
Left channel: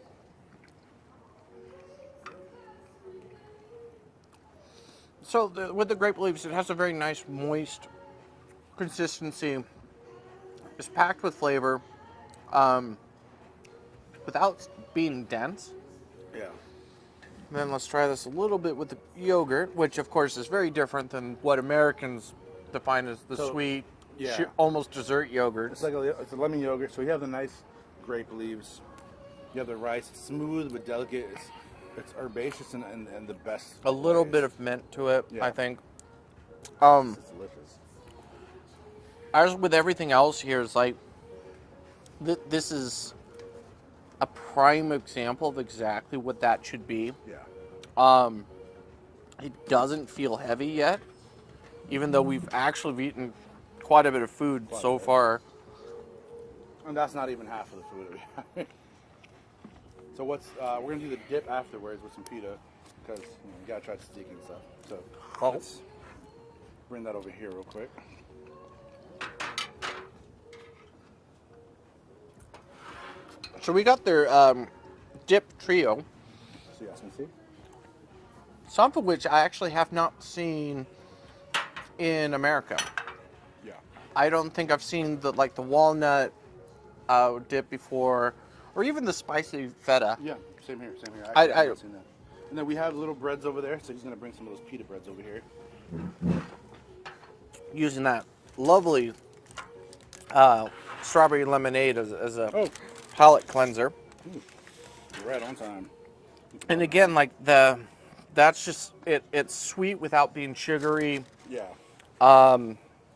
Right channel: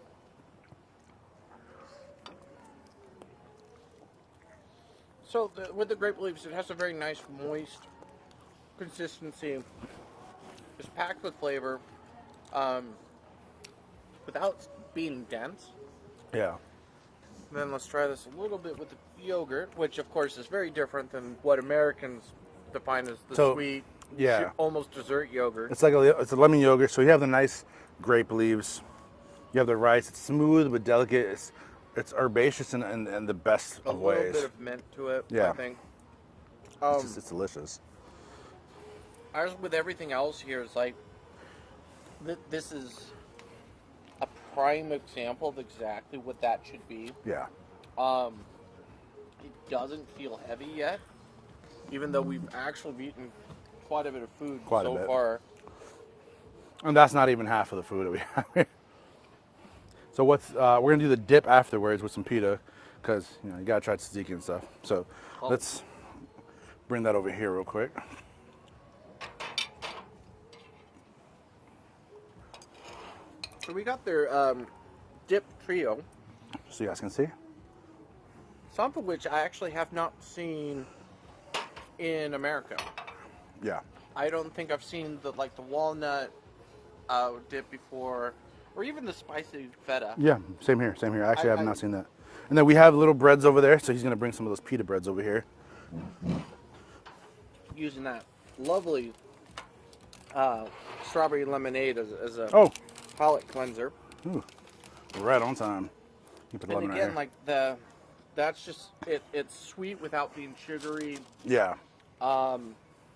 So with the grape leaves, it has a very nice moist consistency. It's packed with flavor, without being dense. Yeah. And then let's try this a little bit with the yogurt, which of course is very different than what Americans define as the So, sweet, yeah. almost dessert yogurt. It's like it's a lemon yogurt. So you have the nice grape leaves. You have the rice. It's smooth but delicate. It's herbaceous and the best. A little bit of mint to it, Yeah. I think. It's delicious. As with everything else here, it's like this is a prime example of exactly what that should be. Yeah. It doesn't feel heavy yet, even though we've actually eaten quite a bit of food Quite a so bit. far. And that's not even half of the food that we have here. So we're gonna do the dip afterwards with some pita, because you gotta try tzatziki and stuff. So let's bring that over here real quick. So we got their dip trio, So you guys can see. some of which I actually have not seen in America. Yeah. I don't think I've seen the walnut dip before, or even the spicy feta. Yeah, same here, same here. Actually, I have I- not seen that. And then we have little breads over there, so he's gonna bring some of those pita breads over here. Using that lovely strawberry lemonade as a Oh. palate cleanser. Ooh, we're right on time. And again, like that's just it's sweet without being sugary. Yeah.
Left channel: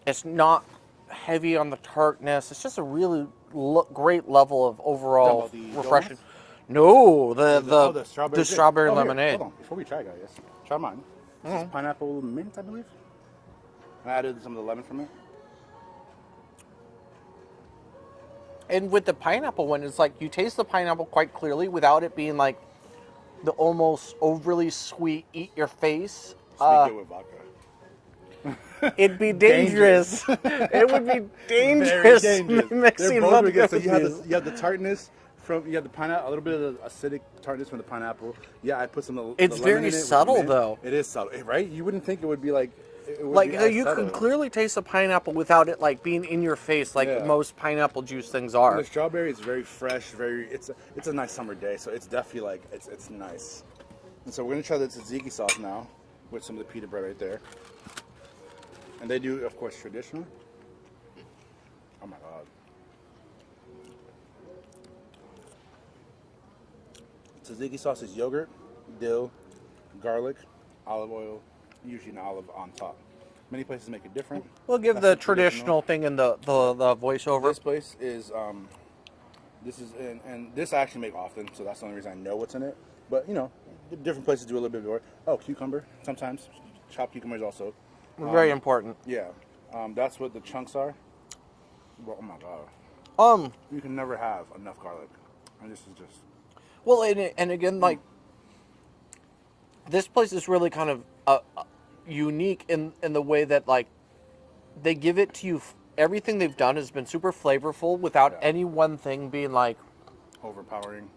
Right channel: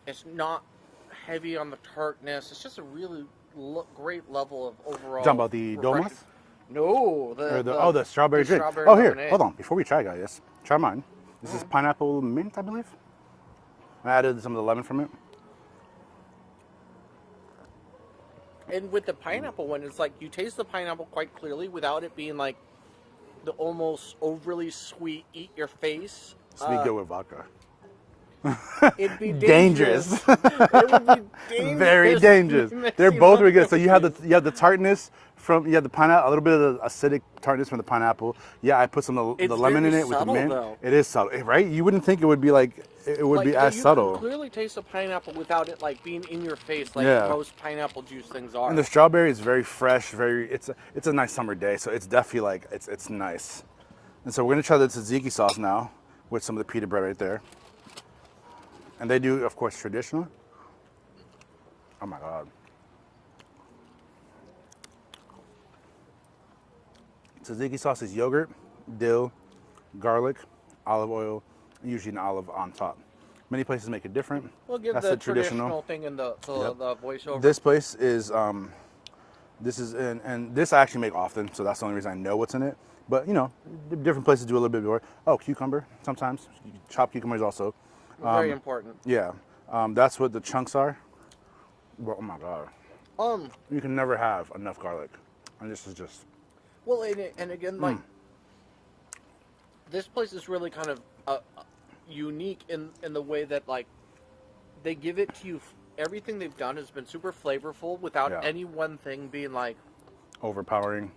It's not heavy on the tartness. It's just a really great level of overall Talking about the refreshing. donuts? No, the strawberry. the strawberry here, lemonade. hold on. Before we try, guys, try mine. This is pineapple mint, I believe. I added some of the lemon from it. And with the pineapple one, it's like you taste the pineapple quite clearly without it being like the almost overly sweet eat your face. Sneak it with vodka. It'd be dangerous. It would be dangerous. Very dangerous. They're mixing both up really good. So you those. have the tartness you have the pineapple, a little bit of the acidic tartness from the pineapple. Yeah, I put some of the It's lemon very in it. subtle, with the mint. though. It is subtle, right? You wouldn't think it would be like it would be as you subtle. can clearly taste the pineapple without it like being in your face like Yeah. most pineapple juice things are. And the strawberry is very fresh, it's a nice summer day, so it's definitely like it's nice. And so we're gonna try the tzatziki sauce now with some of the pita bread right there. And they do, of course, traditional. Oh my god. Tzatziki sauce is yogurt, dill, garlic, olive oil, and usually an olive on top. Many places make it different. We'll give That's the traditional thing in the voiceover. This place is, and this I actually make often, so that's the only reason I know what's in it. But different places do a little bit more. Oh, cucumber, sometimes. Chopped cucumbers also. Very important. Yeah, that's what the chunks are. Well, oh my god. You can never have enough garlic. And this is just. Well, and again, like this place is really kind of unique in the way that like they give it to you. Everything they've done has been super flavorful without Yeah. any one thing being like Overpowering.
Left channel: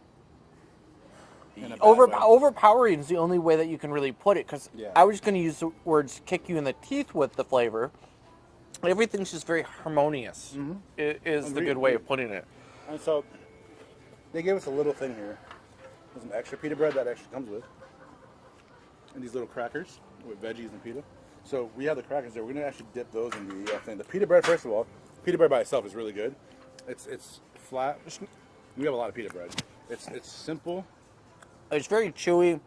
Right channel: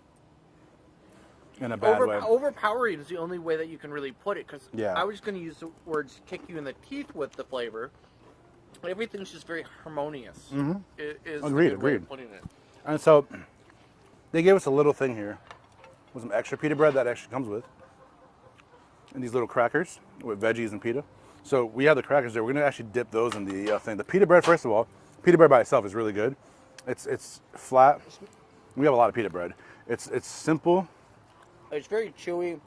In a bad way. overpowering is the only way that you can really put it. Because Yeah. I was going to use the words "kick you in the teeth" with the flavor. Everything's just very harmonious. Is the good way of putting it. And so they gave us a little thing here with some extra pita bread that actually comes with. And these little crackers with veggies and pita. So we have the crackers there. We're going to actually dip those in the thing. The pita bread, first of all, pita bread by itself is really good. It's flat. We have a lot of pita bread. It's simple. It's very chewy.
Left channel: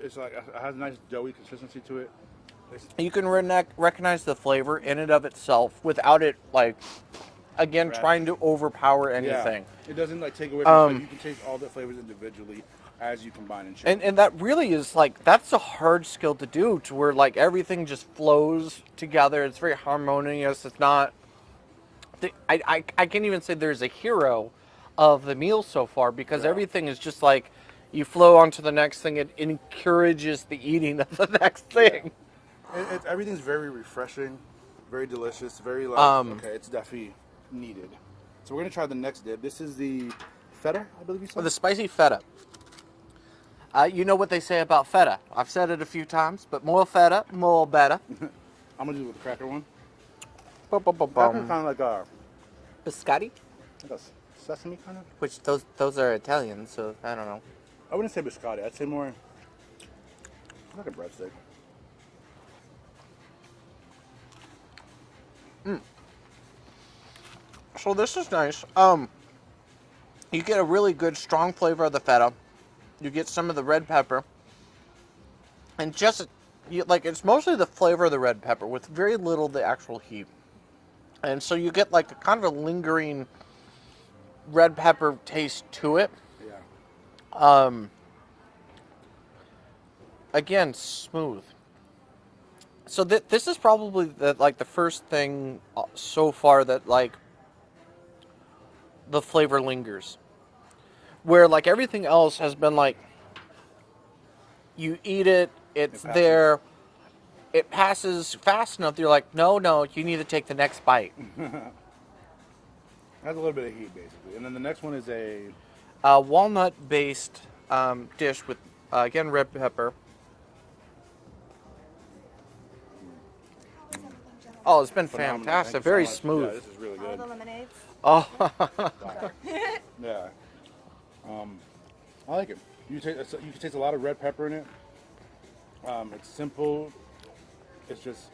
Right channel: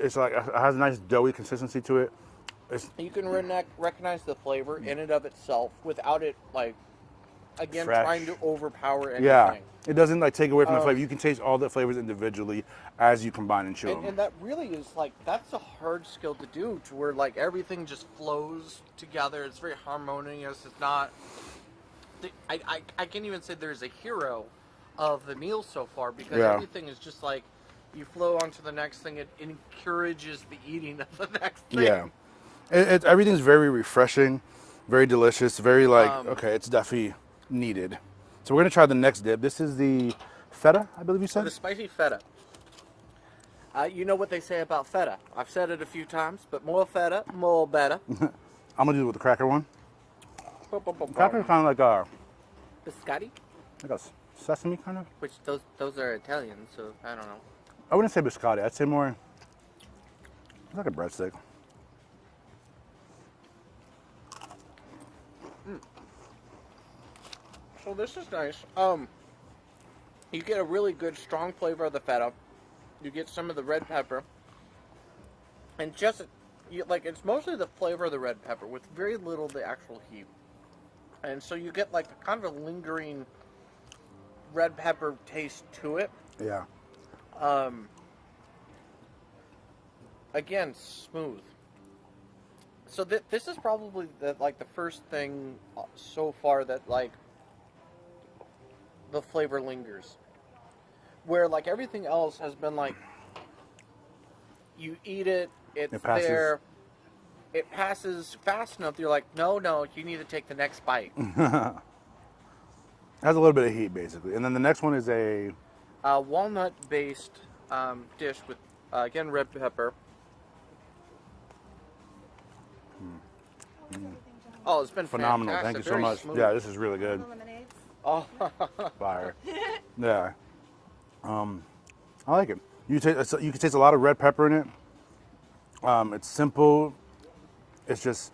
It's like it has a nice doughy consistency to it. You can recognize the flavor in and of itself without it, like, again, Fresh. trying to overpower anything. Yeah, it doesn't like take away from the flavor. You can taste all the flavors individually as you combine and chew. And that really is like that's a hard skill to do, to where like everything just flows together. It's very harmonious. It's not. I can't even say there's a hero of the meal so far because Yeah. everything is just like you flow on to the next thing. It encourages the eating of the next thing. Yeah. Everything's very refreshing, very delicious, very like okay, it's definitely needed. So we're gonna try the next dip. This is the feta, I believe you said. The spicy feta. You know what they say about feta. I've said it a few times, but more feta, more better. I'm gonna do it with the cracker one. Cracker Cracker kind of like a biscotti, sesame kind of. which those are Italian, so I don't know. I wouldn't say biscotti. I'd say more like a breadstick. So this is nice. You get a really good strong flavor of the feta. You get some of the red pepper, and just it's mostly the flavor of the red pepper with very little the actual heat. And so you get like a kind of a lingering red pepper taste to it. Yeah. Again, smooth. So this is probably the first thing so far that like the flavor lingers. Where like everything else has been like you eat it, it's there, it passes fast enough. You're like, no, you need to take the next bite. It has a little bit of heat basically, and then the next one is a walnut-based dish with again red pepper. Oh, it's been phenomenal. fantastic. Thank you Very so much. smooth. Yeah, this is really All good. the lemonades. Oh, Fire. Yeah. I like it. You can taste a lot of red pepper in it. It's simple. It's just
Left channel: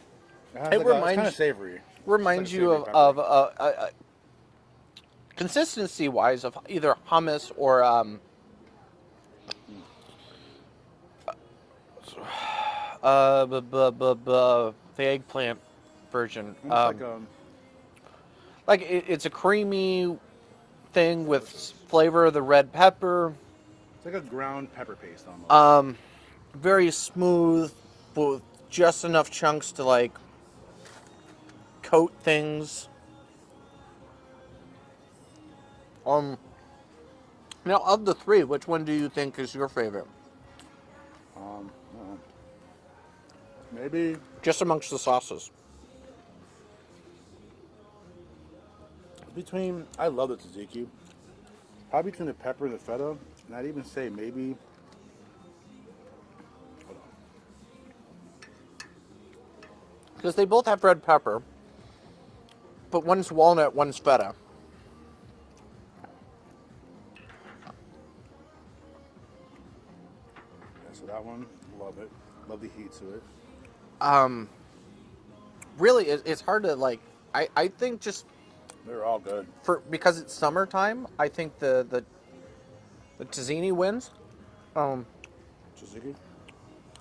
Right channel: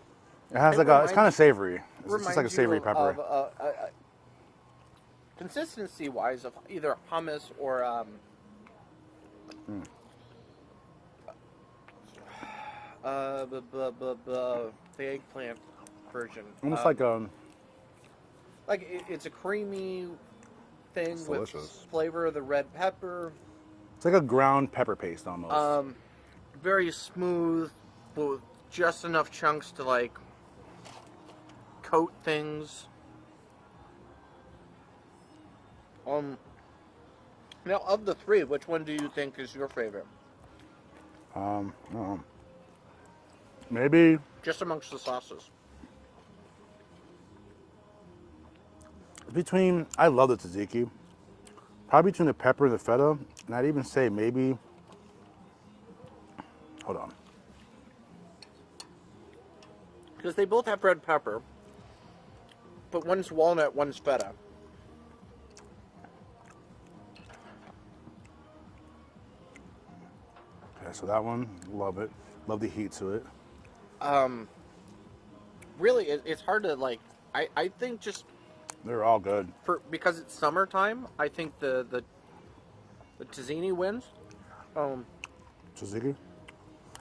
it has it's kind of savory. It's just like a reminds you savory of, pepper. consistency-wise of either hummus or the eggplant version. Almost It's a creamy thing with delicious. flavor of the red pepper. it's like a ground pepper paste almost. Very smooth with just enough chunks to like coat things. Now of the three, which one do you think is your favorite? Maybe Just amongst the sauces. I love the tzatziki. Probably between the pepper and the feta, and I'd even say maybe. Hold on. Because they both have red pepper, but one's walnut, one's feta. Yeah, so that one, love it. Love the heat to it. Really, it's hard to like. I think just They're all good. because it's summertime, I think the tzatziki wins. Tzatziki?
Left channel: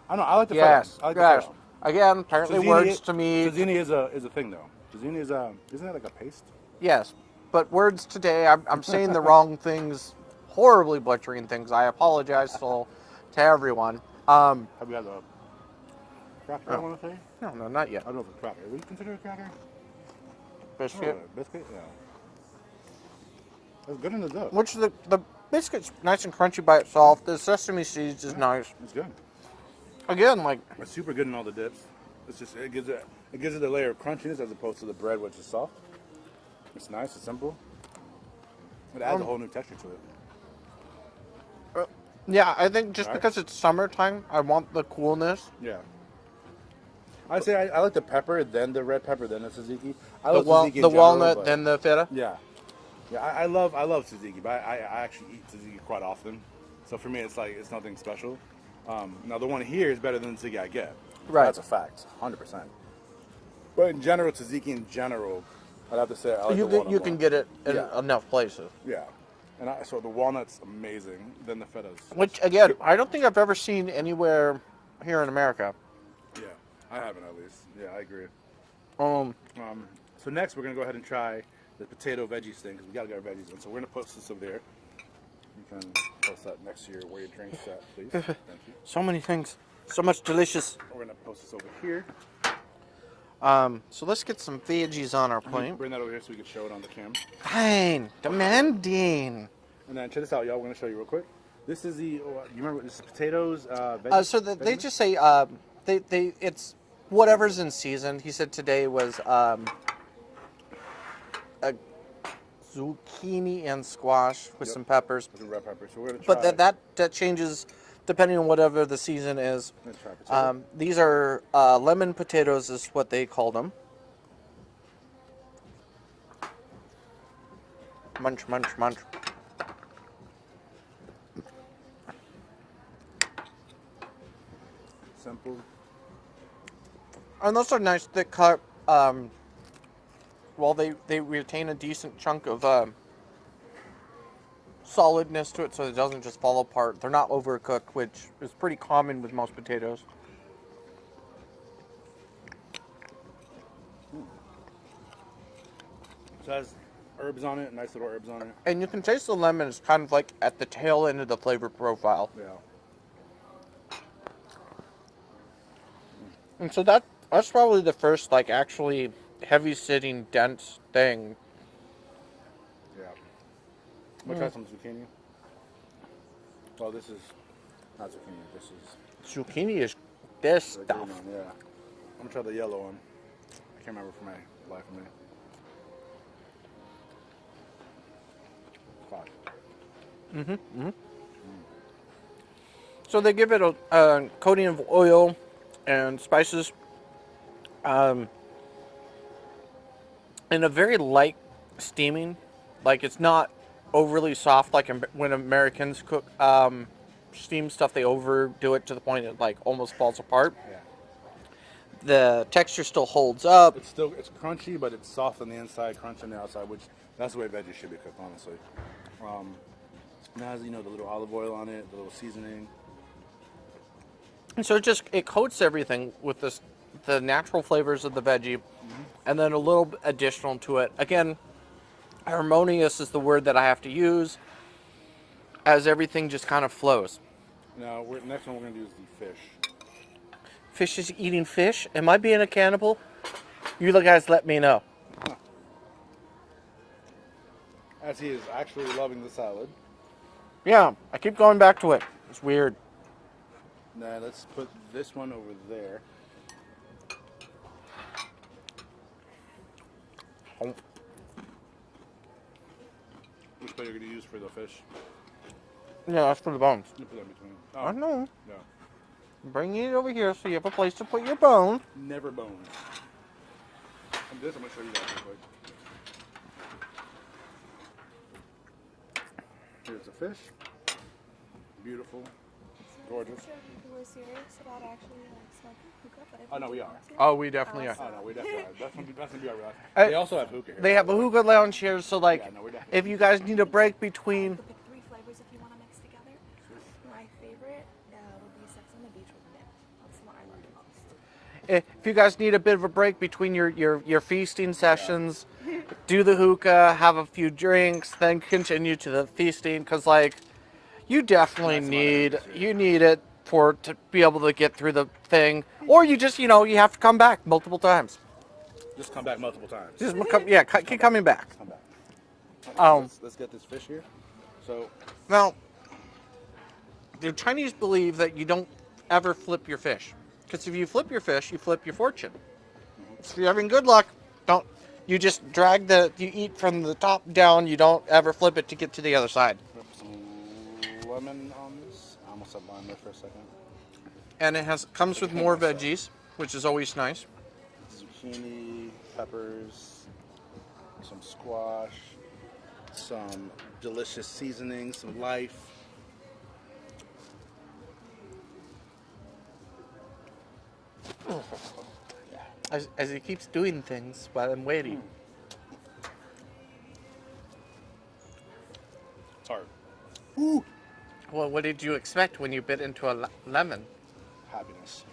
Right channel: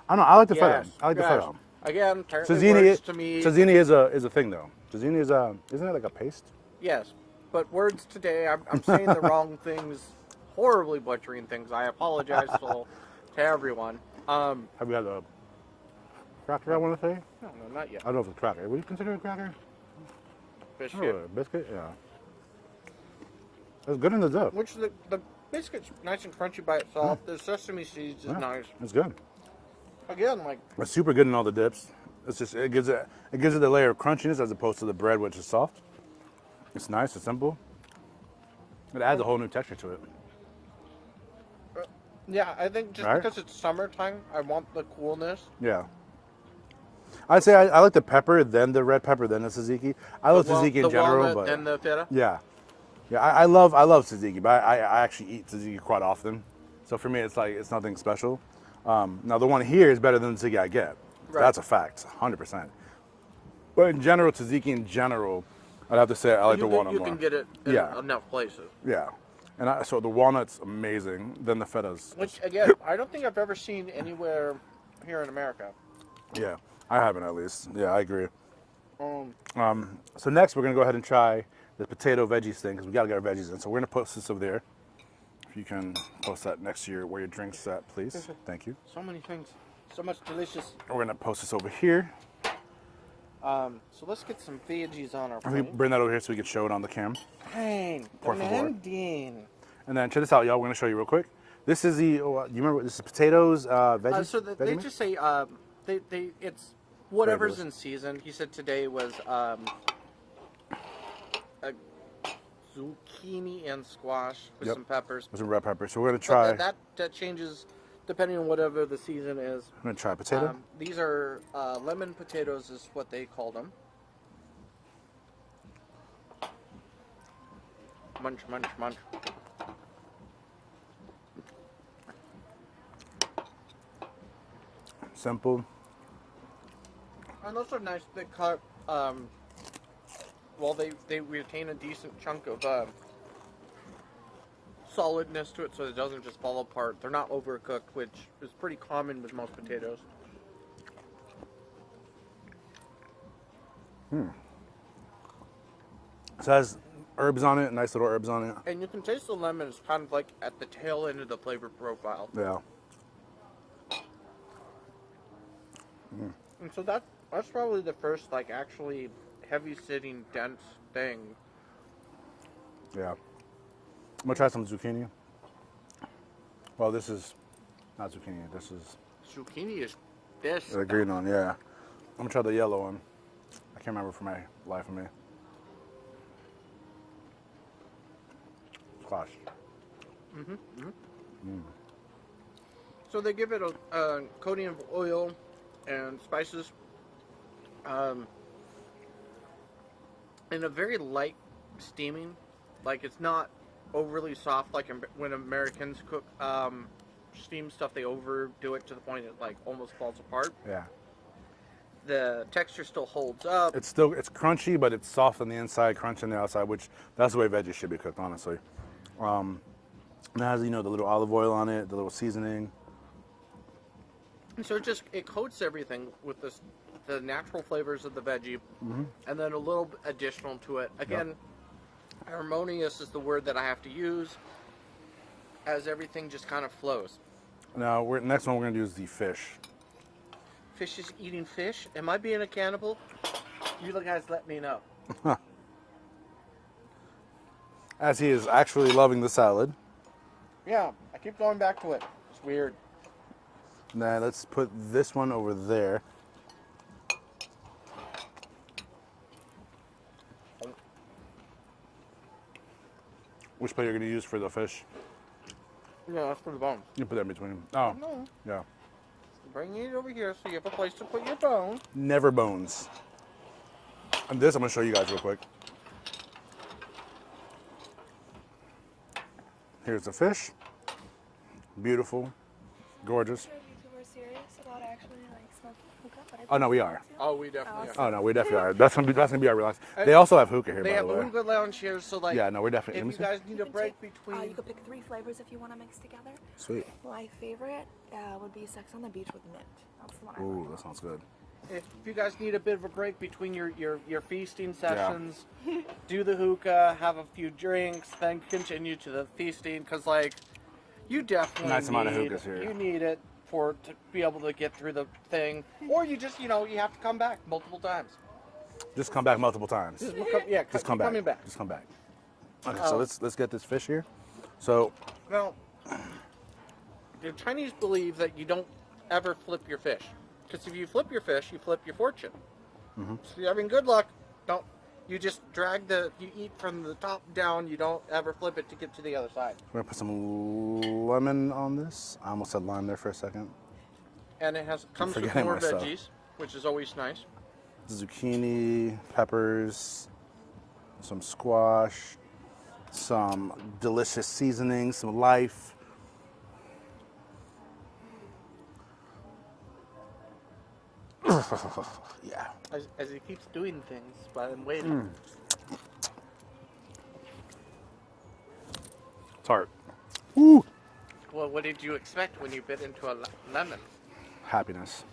I don't know. I like the feta. I like the feta. Again, apparently words to me. Tzatziki is a thing though. Tzatziki is isn't it like a paste? Yes, but words today, I'm saying the wrong things, horribly butchering things. I apologize to everyone. Have you had a cracker? I want to say. No, not yet. I don't know if it's a cracker. Would you consider it a cracker? Biscuit. Biscuit? Yeah. It's good in the dip. Which the biscuit's nice and crunchy by itself. The sesame seeds is nice. It's good. Again, like It's super good in all the dips. It's just it gives it the layer of crunchiness as opposed to the bread, which is soft. It's nice. It's simple. It adds a whole new texture to it. yeah, I think just Right? because it's summertime, I want the coolness. Yeah. I'd say I like the pepper, then the red pepper, then the tzatziki. I love tzatziki in the general, walnut, but then the feta. yeah, I love tzatziki, but I actually eat tzatziki quite often. So for me, it's like it's nothing special. Now the one here is better than the tzatziki I get. Right. That's a fact, 100%. But in general, tzatziki in general, I'd have to say I like the walnut You more. can get it in Yeah. enough places. Yeah, and so the walnut's amazing. Then the feta's. Which again, I don't think I've ever seen anywhere here in America. Yeah, I haven't at least. Yeah, I agree. Um, So next we're gonna go ahead and try the potato veggies thing because we gotta get our veggies in. So we're gonna post this over there. If you can post that next to where your drink's at, please. Thank you. so many things, so much delicious. We're gonna post this over here. So let's get some veggies on our plate. Bring that over here so we can show it on the cam. Fine, demanding. And then check this out, y'all. We're gonna show you real quick. This is the you remember this is potatoes veggies. So they veggie just say it's whatever's in season. He said today was a zucchini and squash with Yep. some peppers. with some red pepper. So we're gonna try. But that changes depending on whatever the season is. I'm gonna try potato. These are lemon potatoes, is what they called them. Munch, munch, munch. Simple. And those are nice thick cut. Well, they retain a decent chunk of solidness to it, so it doesn't just fall apart. They're not overcooked, which is pretty common with most potatoes. So it has herbs on it, nice little herbs on it. And you can taste the lemon is kind of like at the tail end of the flavor profile. Yeah. And so that's probably the first like actually heavy sitting dense thing. Yeah. I'm gonna try some zucchini. Well, this is not zucchini. This is Zucchini is this the stuff. green one. Yeah. I'm gonna try the yellow one. I can't remember for my life of me. Squash. So they give it a coating of oil and spices, and a very light steaming. Like it's not overly soft like when Americans cook steam stuff. They overdo it to the point it like almost falls apart. Yeah. The texture still holds up. It's crunchy, but it's soft on the inside, crunchy on the outside, which that's the way veggies should be cooked, honestly. It has, the little olive oil on it, the little seasoning. And so it coats everything with the natural flavors of the veggie, and then a little additional to it. Again, harmonious is the word that I have to use, as everything just kind of flows. Now, next one we're gonna do is the fish. Fish is eating fish. Am I being a cannibal? You guys let me know. As he is actually loving the salad. Yeah, I keep going back to it. It's weird. Now let's put this one over there. Which plate you're gonna use for the fish? Yeah, that's for the bones. You put that in between them. I Oh, know. yeah. Bring it over here so you have a place to put your bones. Never bones. And this I'm gonna show you guys real quick. Here's the fish. Beautiful, gorgeous. We're serious about actually like smoking hookah, but Oh no, we are. Oh, we definitely are. Oh no, we definitely are. That's gonna be our relax. They also have hookah here. They by have the a way. hookah lounge here, so like, Yeah, no, we're definitely. if you guys need a break between, you could pick 3 flavors if you want to mix together. Sweet. My favorite would be Sex on the Beach with mint. That's the one I Ooh, like. that sounds good. if you guys need a bit of a break between your feasting sessions, do the hookah, have a few drinks, then continue to the feasting, because like, you definitely Nice amount of need hookahs here. need it to be able to get through the thing, or you just you have to come back multiple times. Just come back multiple times. Just Just keep come coming back. Just come back. Okay, Oh. so let's get this fish here. So Now, the Chinese believe that you don't ever flip your fish, because if you flip your fish, you flip your fortune. So if you're having good luck, don't. You just you eat from the top down. You don't ever flip it to get to the other side. we're gonna put some lemon on this. I almost said lime there for a second. And it comes with forgetting more myself. veggies, which is always nice. Zucchini, peppers, some squash, some delicious seasoning, some life. Yeah. As he keeps doing things while I'm waiting. Tart. Ooh. Well, what did you expect when you bit into a lemon? Happiness.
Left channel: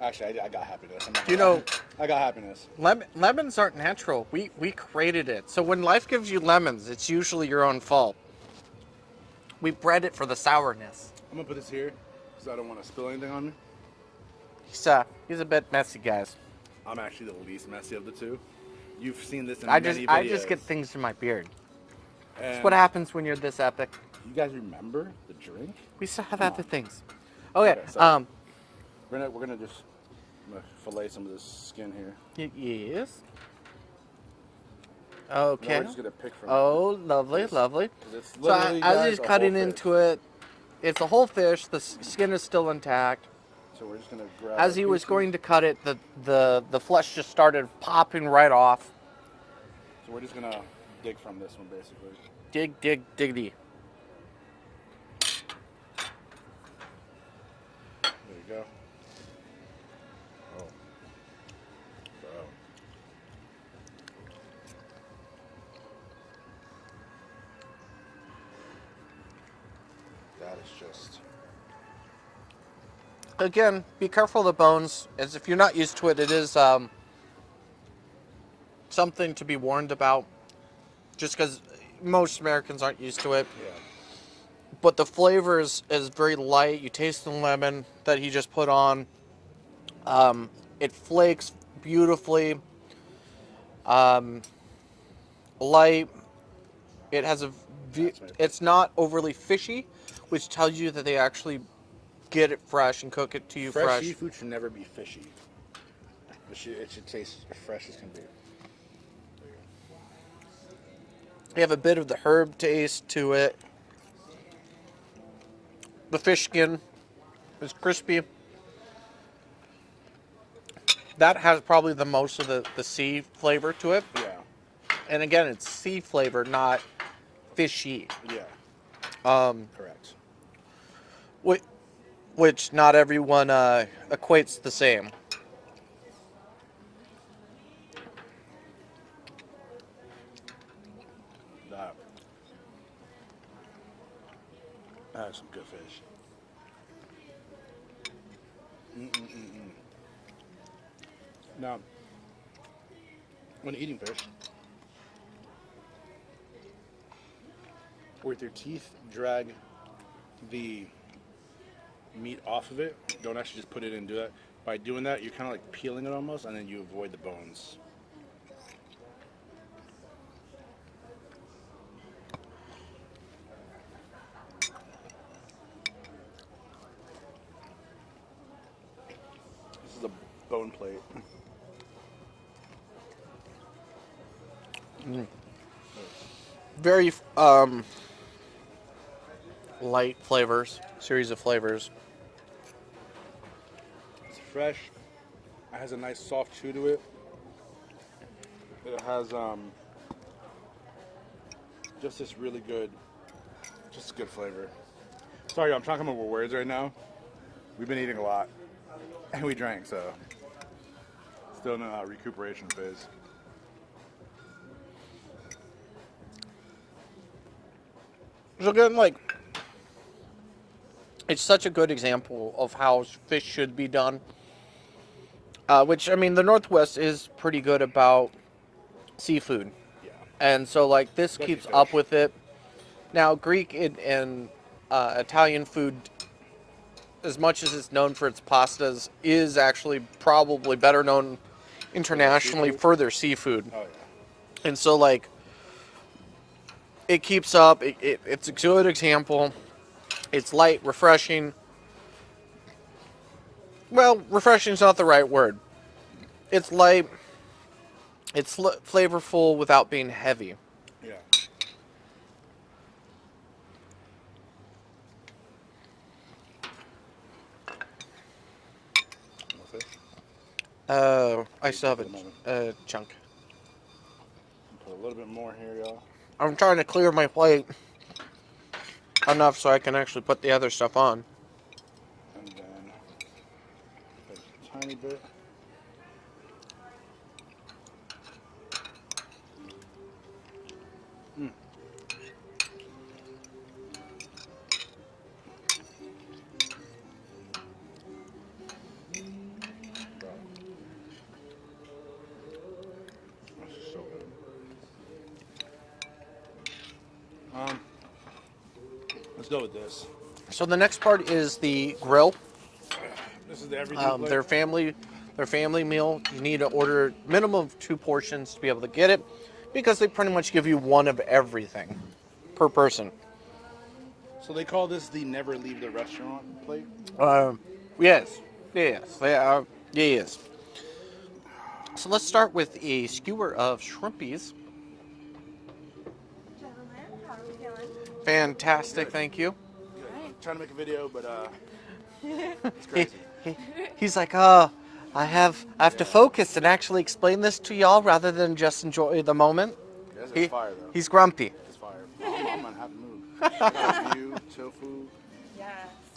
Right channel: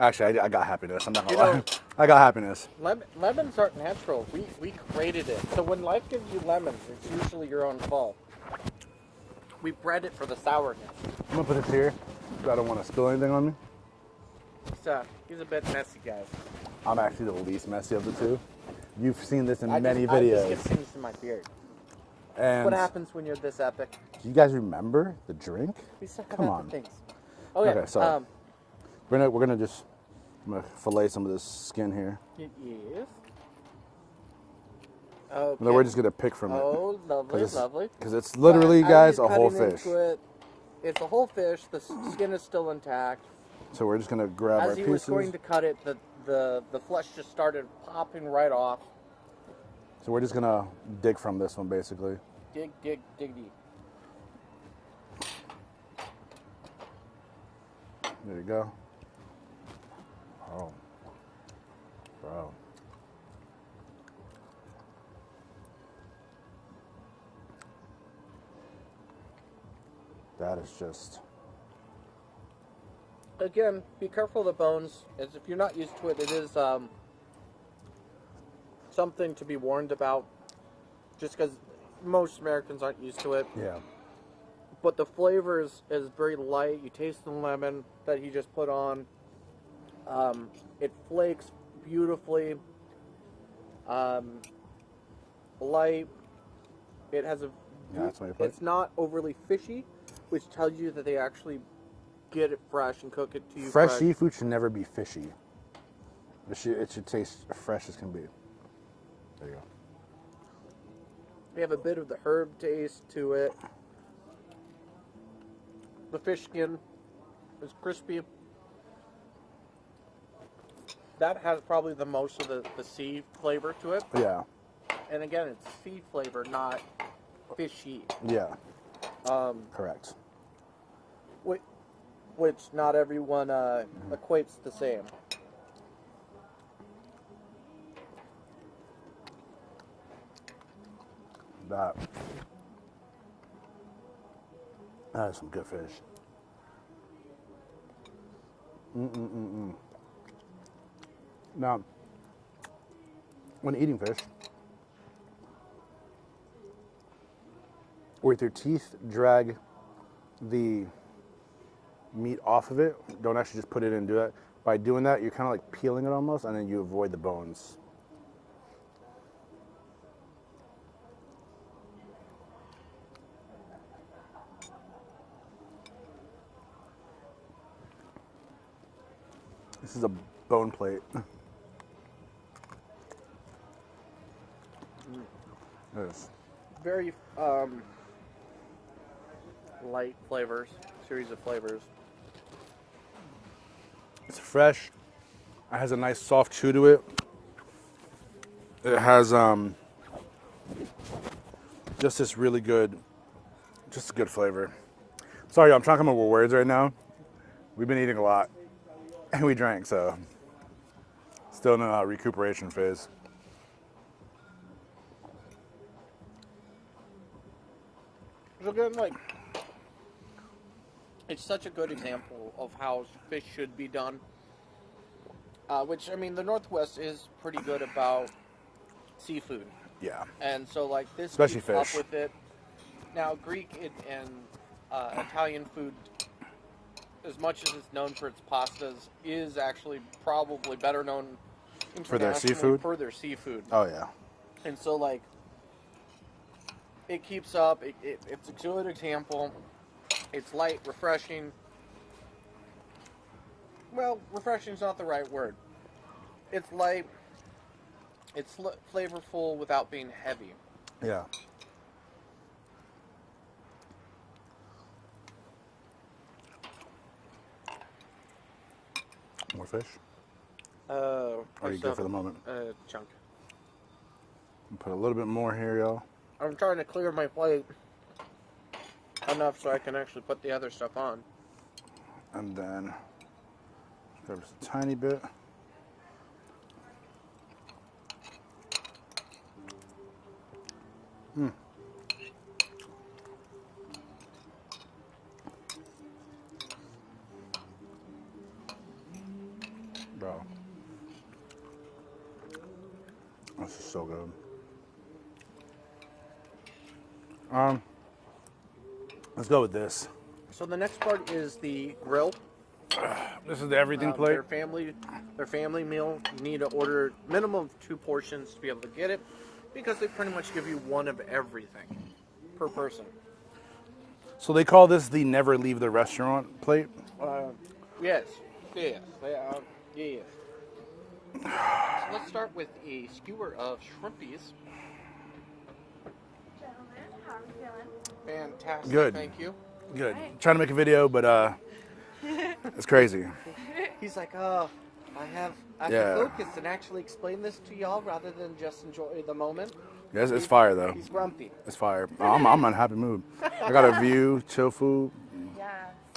Actually, I got happiness. I'm not You gonna lie. know- I got happiness. Lemons aren't natural. We created it. So when life gives you lemons, it's usually your own fault. We bred it for the sourness. I'm gonna put this here because I don't want to spill anything on me. He's a bit messy, guys. I'm actually the least messy of the two. You've seen this in I many videos. I just get things in my beard. And That's what happens when you're this epic. Do you guys remember the drink? We still have Come epic on. things. Oh yeah. Okay, so- We're gonna just fillet some of this skin here. Yes. Okay. And then we're just gonna pick from it. Oh, lovely, 'Cause- lovely. Because it's literally, So, guys, as he's a whole cutting fish. into it, it's a whole fish. The skin is still intact. So we're just gonna grab. As our he was pieces. going to cut it, the flesh just started popping right off. So we're just gonna dig from this one, basically. Diggity. There you go. Oh. Wow. That is just. Again, be careful of the bones, as if you're not used to it, it is something to be warned about. just because most Americans aren't used to it. Yeah. But the flavor is very light. You taste the lemon that he just put on. It flakes beautifully. Light. It has That's what I put. it's not overly fishy, which tells you that they actually get it fresh and cook it to you Fresh fresh. seafood should never be fishy. It should taste fresh as can be. There you go. You have a bit of the herb taste to it. The fish skin is crispy. That has probably the most of the sea flavor to it. Yeah. And again, it's sea flavor, not fishy. Yeah. Correct. Which not everyone equates the same. That is some good fish. Now, when eating fish, with your teeth drag the meat off of it, don't actually just put it in and do that. By doing that, you're kind of like peeling it almost, and then you avoid the bones. This is a bone plate. There's Very light flavors, series of flavors. It's fresh. It has a nice soft chew to it. It has just this really good, just a good flavor. Sorry, I'm trying to come up with words right now. We've been eating a lot, and we drank, so still in a recuperation phase. So again, like, it's such a good example of how fish should be done. Which, I mean, the Northwest is pretty good about seafood. Yeah. And so, like, this Especially keeps fish. up with it. Now, Greek and Italian food, as much as it's known for its pastas, is actually probably better known internationally seafood? for their seafood. Oh yeah. And so, like, it keeps up. It's a good example. It's light, refreshing. Well, refreshing is not the right word. It's light. It's flavorful without being heavy. Yeah. More fish. I you still good have for the moment? a chunk. Put a little bit more here, y'all. I'm trying to clear my plate enough so I can actually put the other stuff on. And then grab just a tiny bit. Bro. This is so good. Let's go with this. So the next part is the grill. This is the everything plate. Their family meal. You need to order minimum of 2 portions to be able to get it, because they pretty much give you one of everything per person. So they call this the never leave the restaurant plate. Yes, they are. Yes. So let's start with a skewer of shrimpies. Gentlemen, how are we feeling? Fantastic, Good. thank you. Good. Trying to make a video, but it's crazy. He's like, I have to Yeah. focus and actually explain this to y'all rather than just enjoy the moment. Yes, it's fire though. He's grumpy. It's fire. I'm in a happy mood. I got a view, chill food. Yes,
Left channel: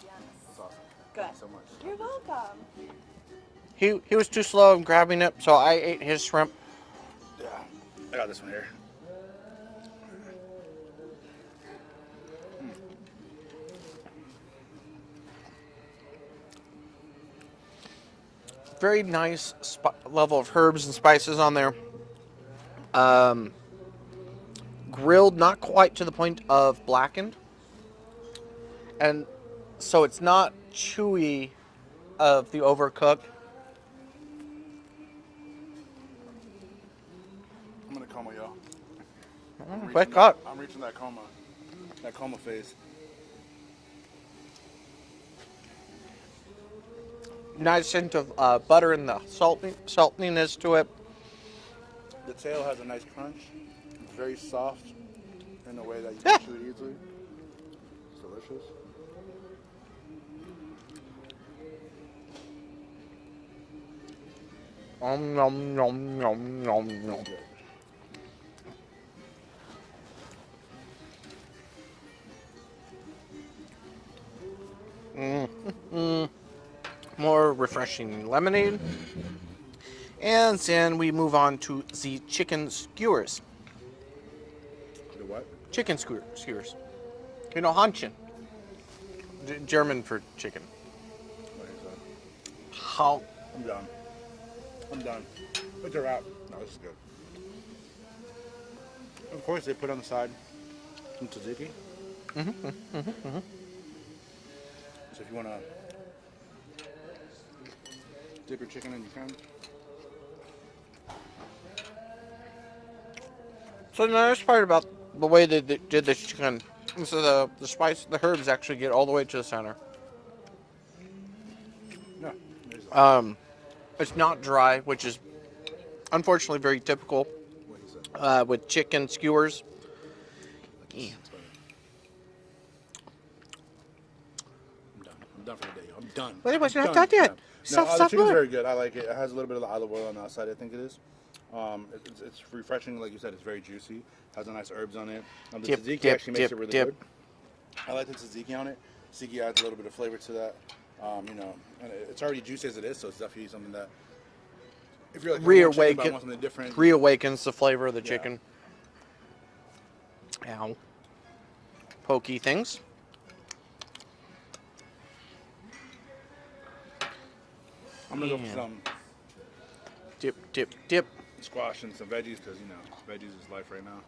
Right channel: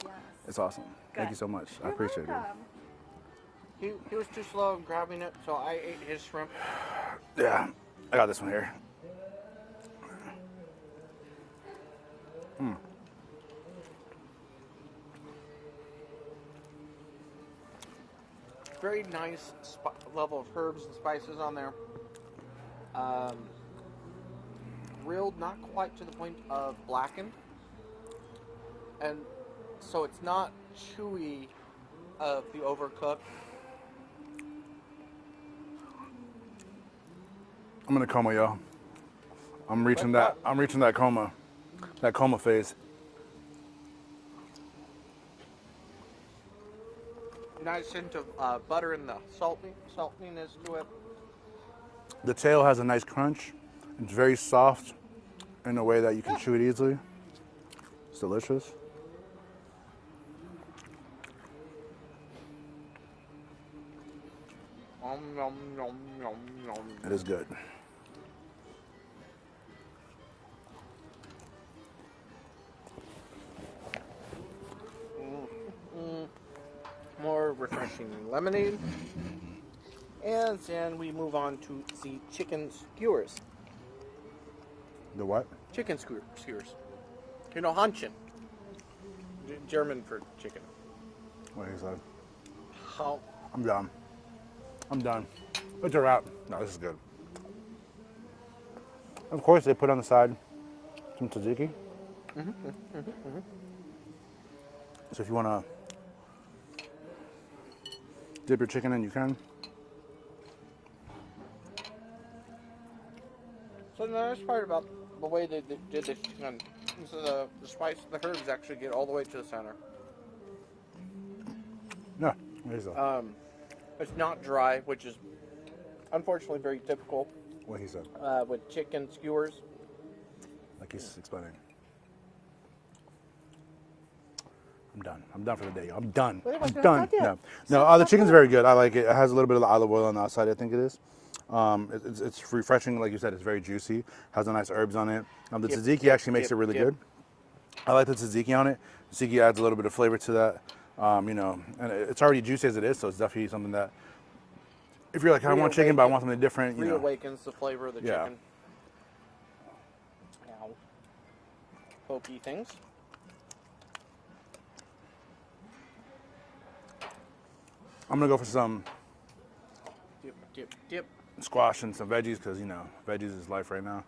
yes. It's awesome. Thank you so much. I appreciate it. Welcome. He was too slow in grabbing it, so I ate his shrimp. Yeah, I got this one here. Very nice level of herbs and spices on there. grilled, not quite to the point of blackened. And so it's not chewy of the overcooked. I'm gonna coma, yo. I'm Wake reaching that. up. I'm reaching that coma phase. Nice hint of butter and the saltiness to it. The tail has a nice crunch. It's very soft in a way that you can chew it easily. It's delicious. Nom, nom, nom, nom, nom. It is good. More refreshing lemonade. And then we move on to the chicken skewers. The what? Chicken skewers. You know, Hanchen. German for chicken. What is that? How? I'm done. I'm done. It's a wrap. No, this is good. Of course, they put on the side some tzatziki. So if you want to dip your chicken in, you can. So the nice part about the way they did this chicken is the spice, the herbs actually get all the way to the center. Yeah. Here's that. It's not dry, which is unfortunately very typical What he said. with chicken skewers. Like he's explaining. I'm done. I'm done for the day. I'm done. Wait, I'm you're not done yet. No, Stop, the stop, chicken's stop. very good. I like it. It has a little bit of the olive oil on the outside, I think it is. It's refreshing, like you said. It's very juicy. Has a nice herbs on it. The Dip, tzatziki dip, actually makes dip, it really dip. good. I like the tzatziki on it. Tzatziki adds a little bit of flavor to that. You know, and it's already juicy as it is, so it's definitely something that if you're like, I don't want chicken, but I want something different. you know. Reawakens the flavor of the Yeah. chicken. Ow. Pokey things. I'm gonna go for some Dip, dip, dip. squash and some veggies because you know, veggies is life right now.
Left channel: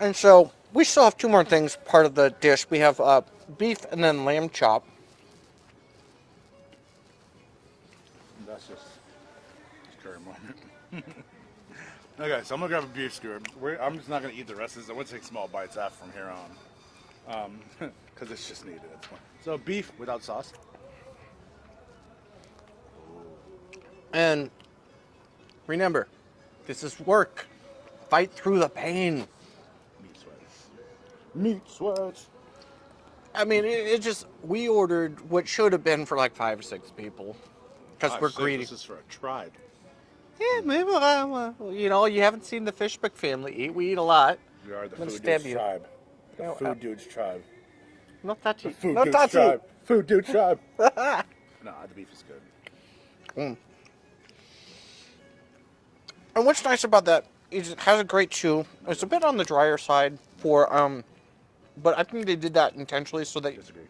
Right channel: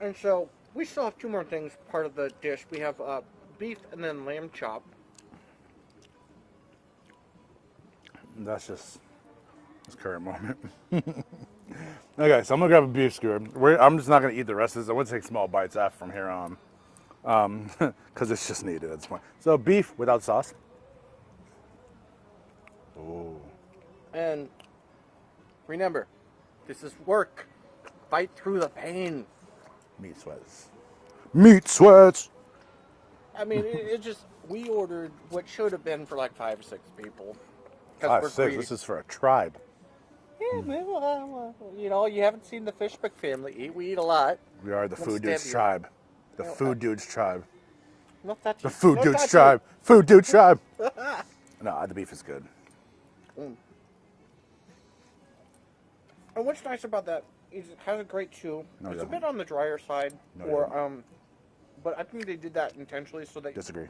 And so we still have two more things part of the dish. We have beef and then lamb chop. And that's just this current moment. Okay, so I'm gonna grab a beef skewer. I'm just not gonna eat the rest of this. I'm gonna take small bites after from here on, because it's just needed at this point. So beef without sauce. And remember, this is work. Fight through the pain. Meat sweats. Meat sweats. I mean, it just, we ordered what should have been for like 5 or 6 people. Because we're greedy. This is for a tribe. Yeah, maybe, you know, you haven't seen the Fishbeck family eat. We eat a lot. We are the Let's food stand dudes here. tribe. The No, food dudes tribe. Not that The you. food Not dudes that tribe. Food dude tribe. No, the beef is good. you. And what's nice about that is it has a great chew. It's a go bit on the drier side for, but I think they did that intentionally so that. Disagree.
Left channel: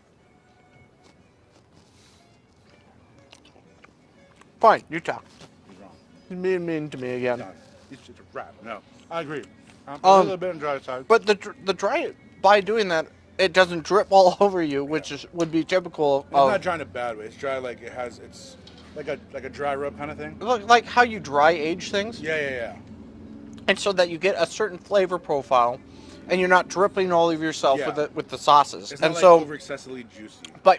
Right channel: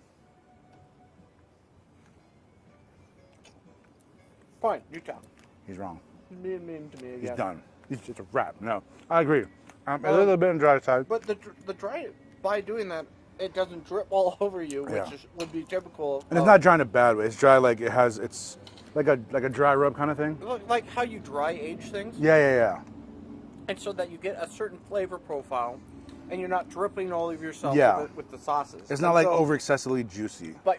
Fine, you talk. He's wrong. He's being mean to me again. Done. He's just a rap. No, I agree. A little bit on the dry side. But the dry, by doing that, it doesn't drip all over you, which would be typical. And it's not dry in a bad way. It's dry like it's like a dry rub kind of thing. Like how you dry age things, Yeah. and so that you get a certain flavor profile, and you're not dripping all of yourself Yeah. with the sauces. It's not And like so, over excessively juicy. But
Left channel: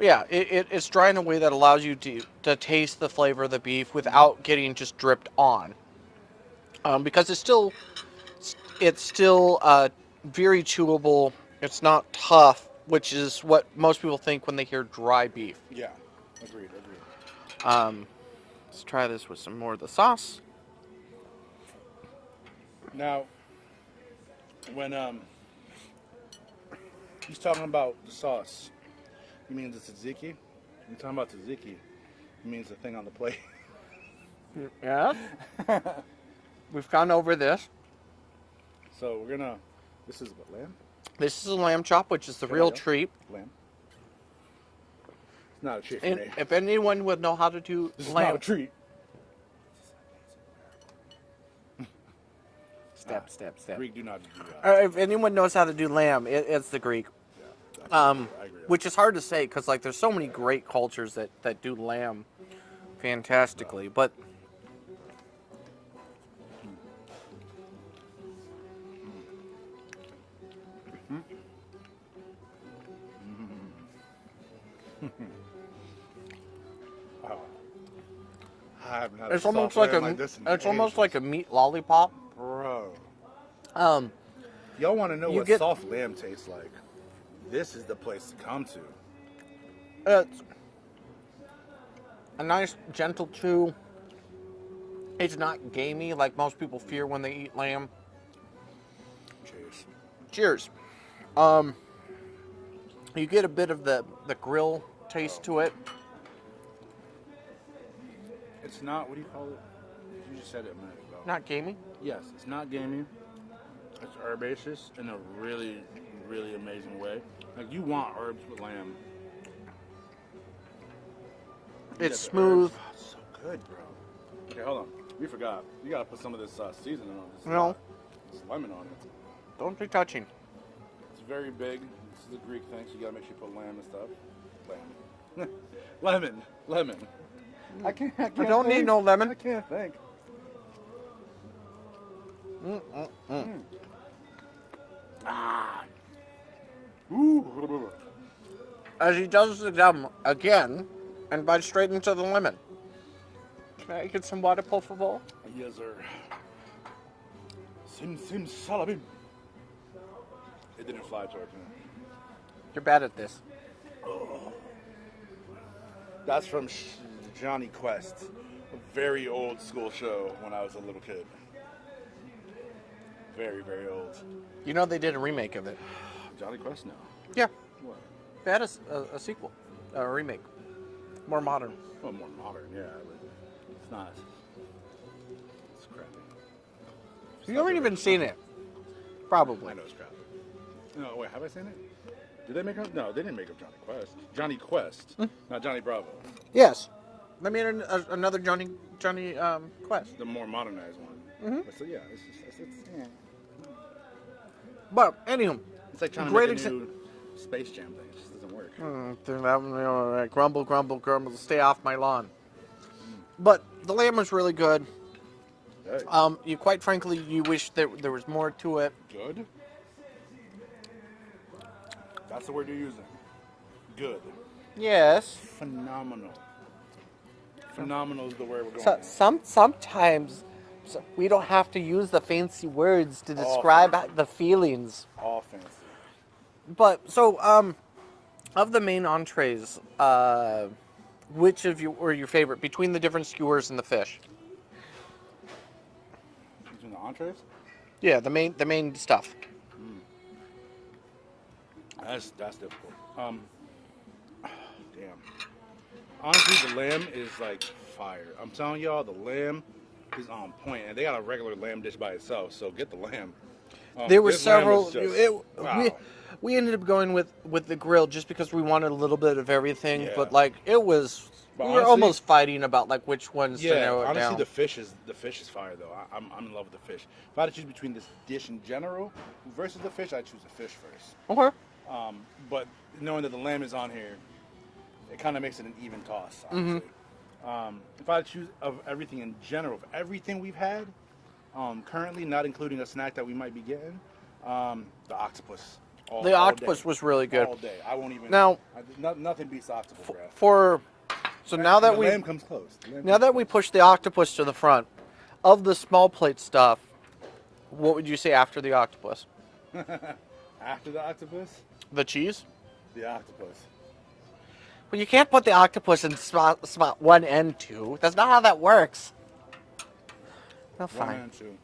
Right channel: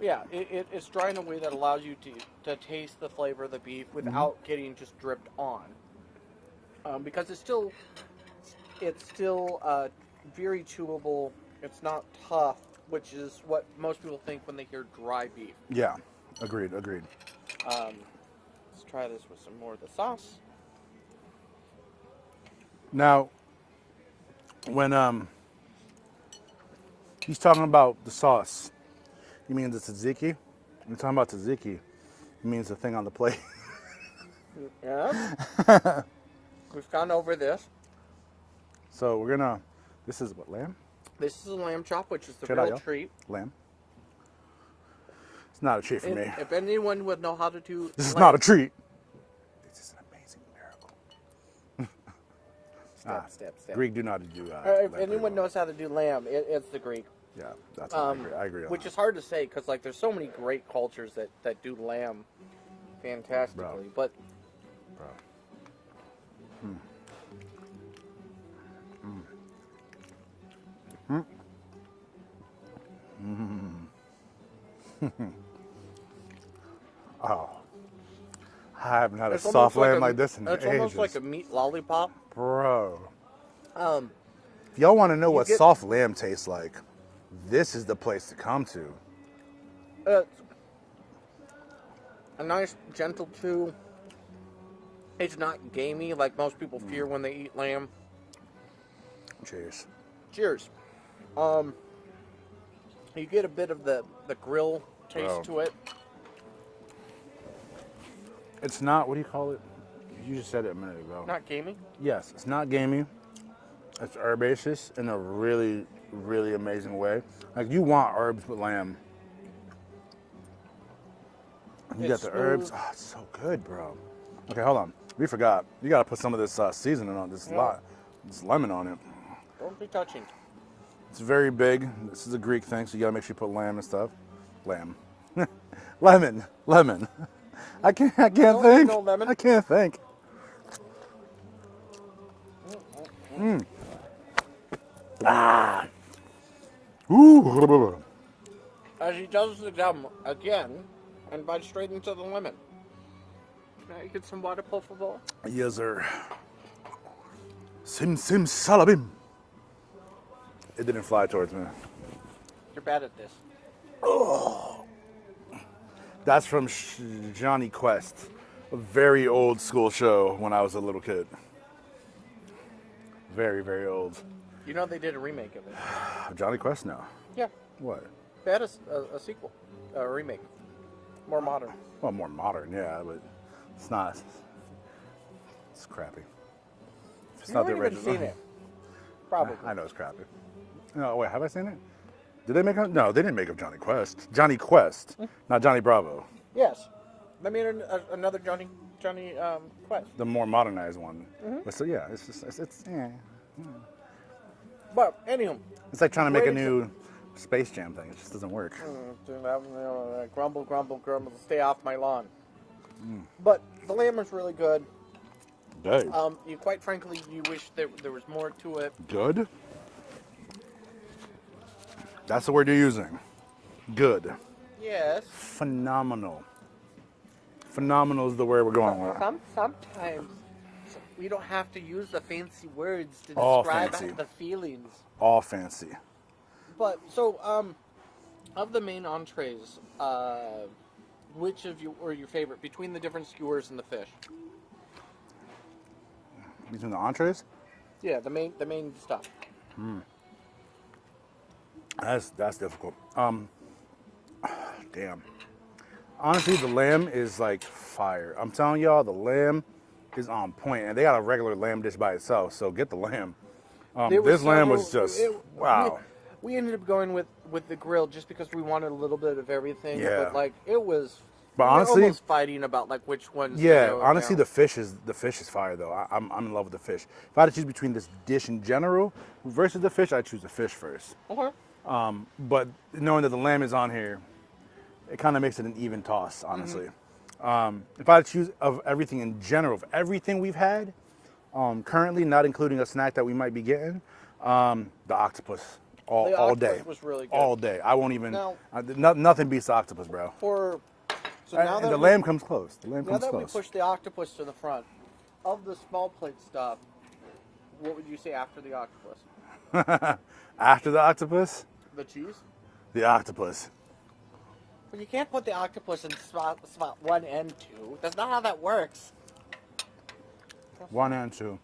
yeah, it's dry in a way that allows you to taste the flavor of the beef without getting just dripped on. Because it's still very chewable. It's not tough, which is what most people think when they hear dry beef. Yeah, agreed. Let's try this with some more of the sauce. Now, when he's talking about the sauce, he means the tzatziki. When he's talking about tzatziki, he means the thing on the plate. Yes. We've gone over this. So we're gonna. This is what, lamb? This is a lamb chop, which is the Should I real go? treat. Lamb. It's not a treat for And me. if anyone would know how to do This is lamb- not a treat. This is an amazing miracle. Greek do not do that. If anyone knows how to do lamb, it's the Greek. Yeah, that's I agree. On which is hard to say because like there's so many great cultures that do lamb fantastically, but Oh, I haven't had a it's soft almost lamb like this in it's almost ages. like a meat lollipop. Bro. Um, If y'all want to know what get- soft lamb tastes like, this is the place to come to. it's a nice gentle chew. It's not gamey like most people fear when they eat lamb. Cheers. Cheers. You get a bit of the grill taste to it. It's not, what do you call it? You just said it a minute ago. Not gamey. Yes, it's not gamey. It's herbaceous in a really, really amazing way. Like, you want herbs with lamb. You It's get the herbs. smooth. Oh, it's so good, bro. Okay, hold on. We forgot. You gotta put some of this seasoning on this. No. This lemon on it. Don't be touching. It's very big. This is a Greek thing, so you gotta make sure you put lamb and stuff. Lamb. Lemon. I can't don't think. need no lemon. I can't think. Ooh. As he does the gum again, and bites straight into the lemon. Can I get some water, por favor? Yes, sir. Sim salabim. It didn't fly towards me. You're bad at this. That's from Johnny Quest, a very old school show when I was a little kid. Very, very old. You know they did a remake of it. Johnny Quest now. Yeah. What? They had a sequel, a remake. More modern. Well, more modern, yeah, but it's not. It's crappy. It's You not haven't the even original. seen it. Probably. I know it's crappy. No, wait, have I seen it? Did they make up? No, they didn't make up Johnny Quest. Johnny Quest, not Johnny Bravo. Yes. They made another Johnny Quest. The more modernized one. But so yeah, it's yeah. But anywho, It's like trying to make a Great new Space Jam thing. It just doesn't work. grumble, grumble, grumble, stay off my lawn. But the lamb was really good. Good. You quite frankly, you wish there was more to it. Good. That's the word you're using. Good. Yes. Phenomenal. Phenomenal is the word we're going with. Sometimes we don't have to use the fancy words to All describe fancy. the feelings. All fancy. But so, of the main entrees, which of you were your favorite between the different skewers and the fish? Between the entrees? Yeah, the main stuff. That's difficult. Damn. Honestly, the lamb is like fire. I'm telling y'all, the lamb is on point, and they got a regular lamb dish by itself. So get the lamb. There were this lamb several. was just wow. We ended up going with the grill just because we wanted a little bit of everything. Yeah. But like it was, But we were honestly- almost fighting about like which ones. to Yeah, narrow it honestly, down. the fish is fire though. I'm in love with the fish. If I had to choose between this dish in general versus the fish, I'd choose the fish first. Okay. But knowing that the lamb is on here, it kind of makes it an even toss, honestly. If I had to choose of everything in general, of everything we've had, currently, not including a snack that we might be getting, the octopus. All octopus day. was really good. All day. I won't even. Now- nothing beats the octopus, bro. So now that the we lamb comes close. The lamb now comes that we close. push the octopus to the front, of the small plate stuff, what would you say after the octopus? After the octopus, The cheese? the octopus. Well, you can't put the octopus in spot 1 and 2. That's not how that works. No, One fine. and two.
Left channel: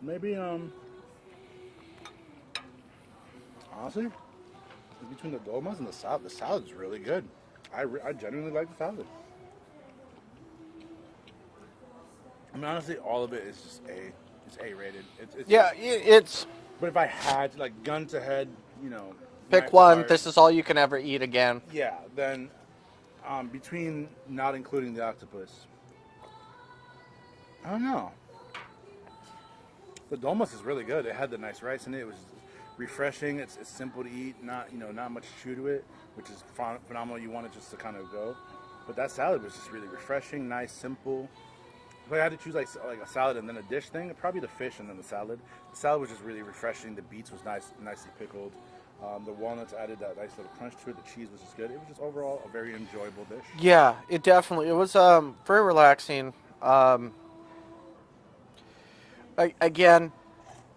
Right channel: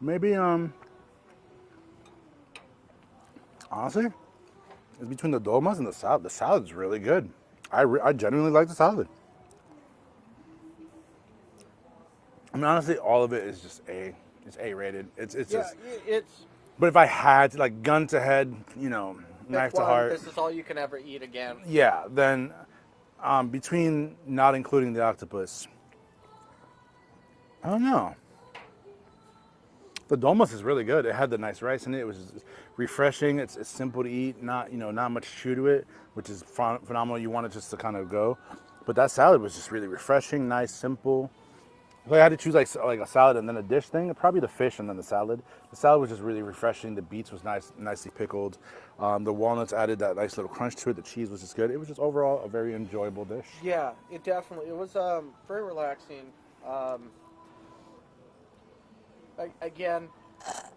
Maybe honestly, it's between the dolmas and the salad. The salad's really good. I genuinely like the salad. I mean, honestly, all of it is just A. It's A rated. It's Yeah, just- it's but if I had to, like, gun to head, you know, knife pick to one. heart, This is all you can ever eat again. yeah, then between not including the octopus, I don't know. The dolmas is really good. It had the nice rice in it. It was refreshing. It's simple to eat. Not much chew to it, which is phenomenal. You want it just to kind of go. But that salad was just really refreshing, nice, simple. If I had to choose like a salad and then a dish thing, probably the fish and then the salad. The salad was just really refreshing. The beets was nicely pickled. The walnuts added that nice little crunch to it. The cheese was just good. It was just overall a very enjoyable dish. Yeah, it was very relaxing. Again,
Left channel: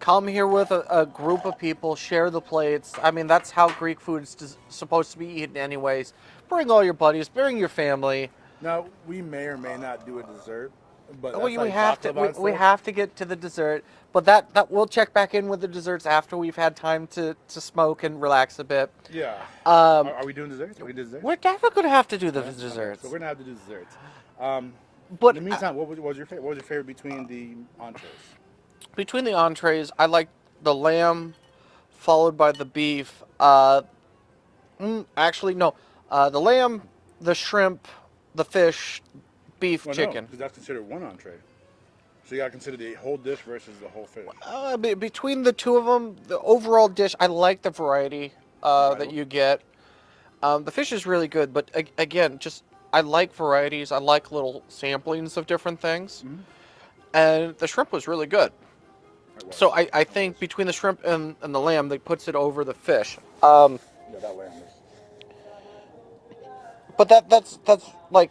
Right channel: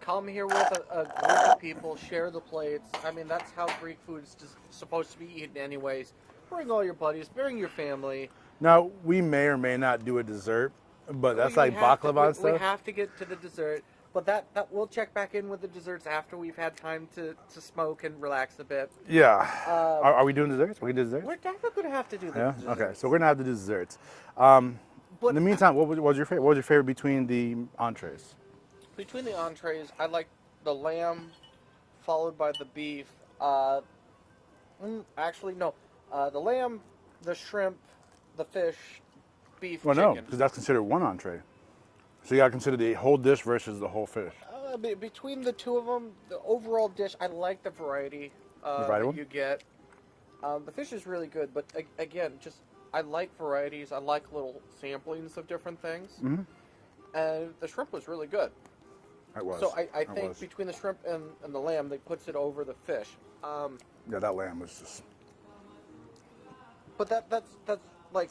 come here with a group of people, share the plates. I mean, that's how Greek food is supposed to be eaten anyways. Bring all your buddies, bring your family. Now, we may or may not do a dessert, but that's We like have baklava and we stuff. have to get to the dessert, but that we'll check back in with the desserts after we've had time to smoke and relax a bit. Yeah. Are we doing desserts? Are we doing desserts? We're definitely going to have to do the Yeah? desserts. Okay, so we're gonna have to do desserts. But In the meantime, what was your favorite? What was your favorite between the entrees? between the entrees, I like the lamb, followed by the beef. Actually, no. The lamb, the shrimp, the fish, beef, Well, no, chicken. because that's considered one entree. So you gotta consider the whole dish versus the whole fish. Between the two of them, the overall dish, I like the variety Variety? that you get. The fish is really good, but again, I like varieties. I like little samplings of different things. Mm-hmm. And the shrimp was really good. It was. So I It think was. between the shrimp and the lamb, that puts it over the fish. Yeah, that lamb was just. But that's like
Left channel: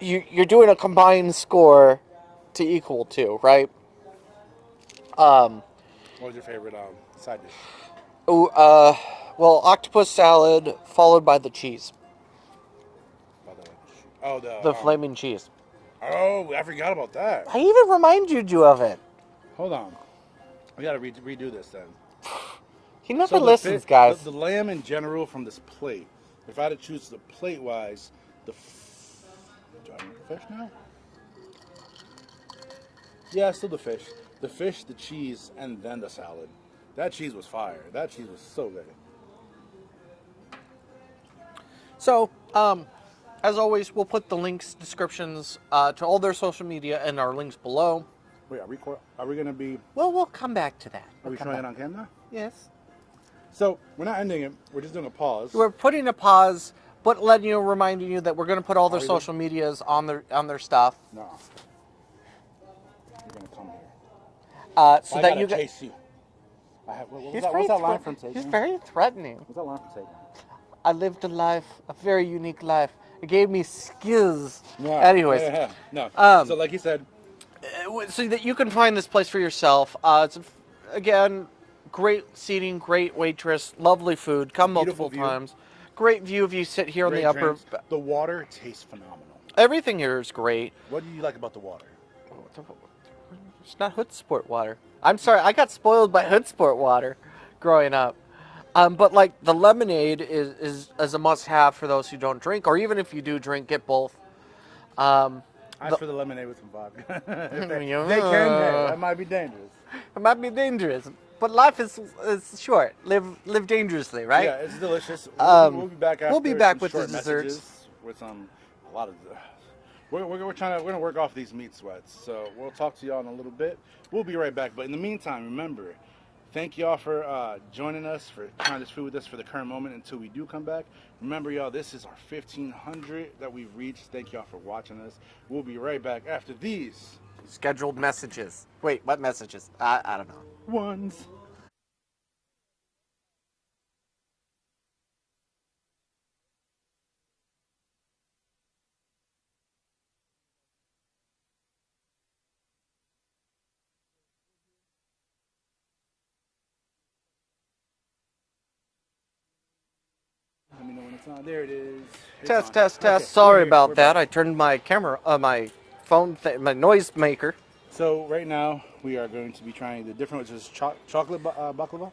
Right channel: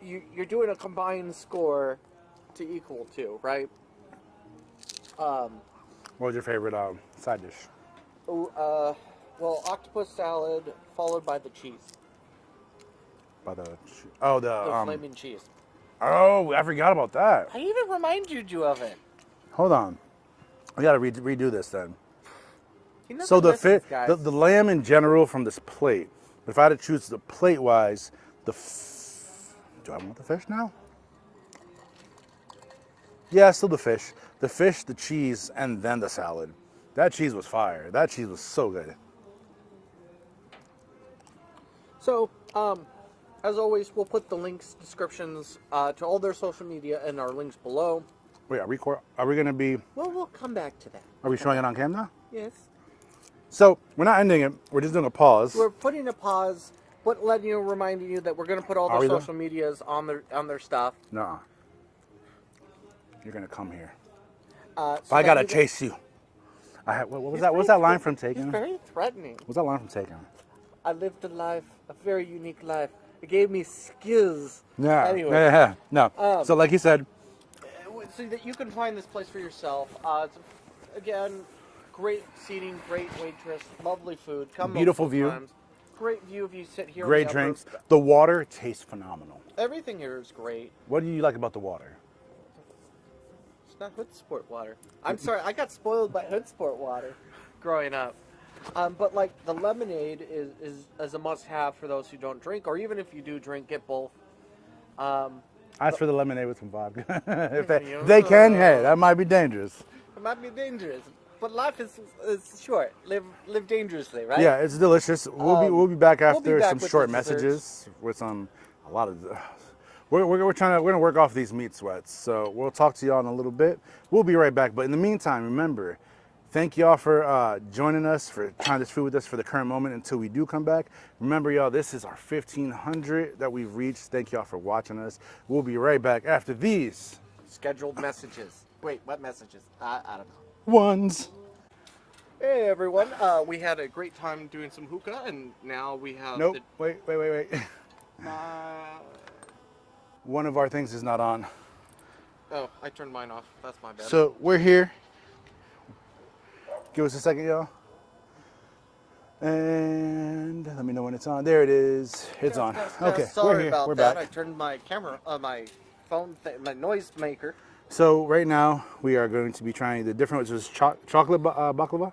you're doing a combined score to equal to, right? What was your favorite side dish? Well, octopus salad followed by the cheese, the flaming cheese. Oh, I forgot about that. I even reminded you of it. Hold on, we gotta redo this then. He never So listens, guys. the lamb in general from this plate. If I had to choose the plate wise, do I want the fish now? Yeah, still the fish. The fish, the cheese, and then the salad. That cheese was fire. That cheese was so good. So, as always, we'll put the links, descriptions to all their social media and our links below. Wait, are we gonna be? Well, we'll come back to that. Are we showing it on camera? Yes. So we're not ending it. We're just doing a pause. We're putting a pause, but reminding you that we're going to put all their Are we though? social medias on their stuff. No. You're gonna come here. So I that gotta you chase you. What was He's that? very What's that line from threat- Taken? He's very threatening. What's that line from Taken? I lived a very unique life. It gave me skills. Yeah. Anyways, Yeah. No. So like you said, so that you can find this place for yourself. It's again, great seating, great waitress, lovely food. Come Beautiful multiple view. times. Great view if you sit here great on the upper. drinks. The water tastes phenomenal. Everything here is great. What do you like about the water? It's not Hood Sport water. I'm sorry, I got spoiled by Hood Sport water growing up. But like the lemonade is a must-have for those who don't drink, or even if you do drink, get both. Ask for the lemonade with some vodka. If Yeah. they can, hey, that might be dangerous. It might be dangerous, but life is short. Live dangerously, right? Yeah, it's delicious. We'll be back after we'll be back some with short the desserts. messages with a lot of. We're gonna work off these meat sweats, so we'll talk to y'all in a little bit. We'll be right back, but in the meantime, remember, thank y'all for joining us, for trying this food with us for the current moment until we do come back. Remember, y'all, this is our 1,500 that we've reached. Thank y'all for watching us. We'll be right back after these Scheduled messages. Wait, what messages? I don't know. ones. Hey everyone, we had a great time doing some hookah, and now we have. Nope. Wait. One of our things is not on. Oh, I turned mine off. That's my bad. So we're here. Give us a second, y'all. And let me know when it's on. There it is. It's on. Test. Okay, Sorry we're here. about We're that. back. I turned my camera, my phone, my noise maker. So right now we are going to be trying the different, which is chocolate baklava.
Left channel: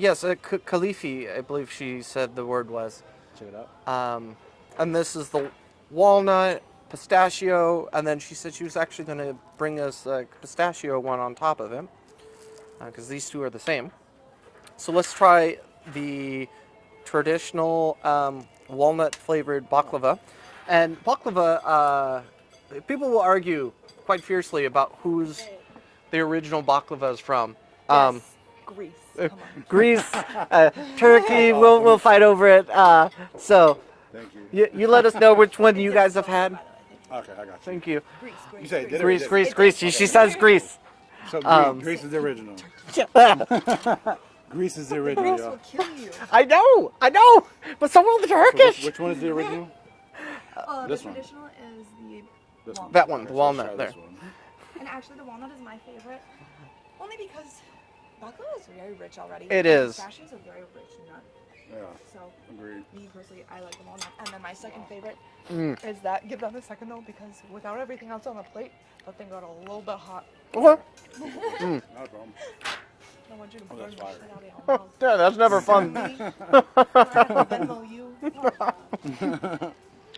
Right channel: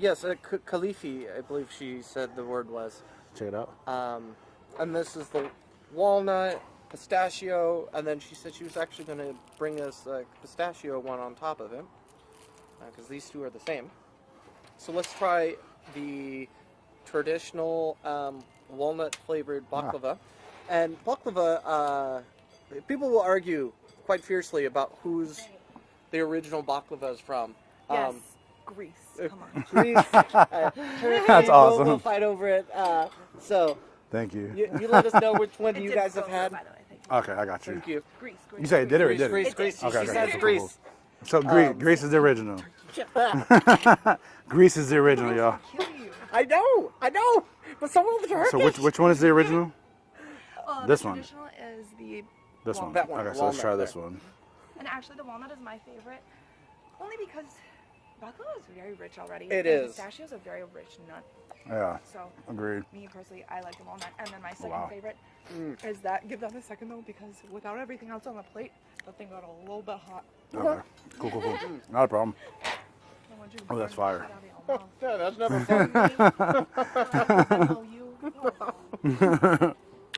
Yes, Khalifi, I believe she said the word was. Check it out. And this is the walnut, pistachio, and then she said she was actually going to bring us a pistachio one on top of it, because these two are the same. So let's try the traditional walnut flavored baklava. And baklava, people will argue quite fiercely about who's the original baklava is from. Yes. Greece. Come on. Greece, Turkey, That's awesome. we'll fight over it. So Thank you. you let us know which one It you did guys have so had. good, by the way. Thank you. Okay, I got you. Thank you. Greece. You say it did or it Greece, didn't? Greece, Greece. She Okay, says cool. Greece. So Greece is the original. Greece is the original, y'all. Kill you. I know, but some of the So Turkish. which one is the original? This The one. traditional is the This one. That one, Okay, the so let's walnut try this there. one. And actually, the walnut is my favorite, only because baklava is very rich already. It And is. Pistachio is a very rich nut, Yeah, so agreed. me personally, I like the walnut. And then my second Wow. favorite Mm. is that. Give that a second though, because without everything else on the plate, that thing got a little bit hot. Okay. Cool. Not a problem. I want you to Oh, that's burn fire. that out of Yeah, that's never fun. your mouth. you.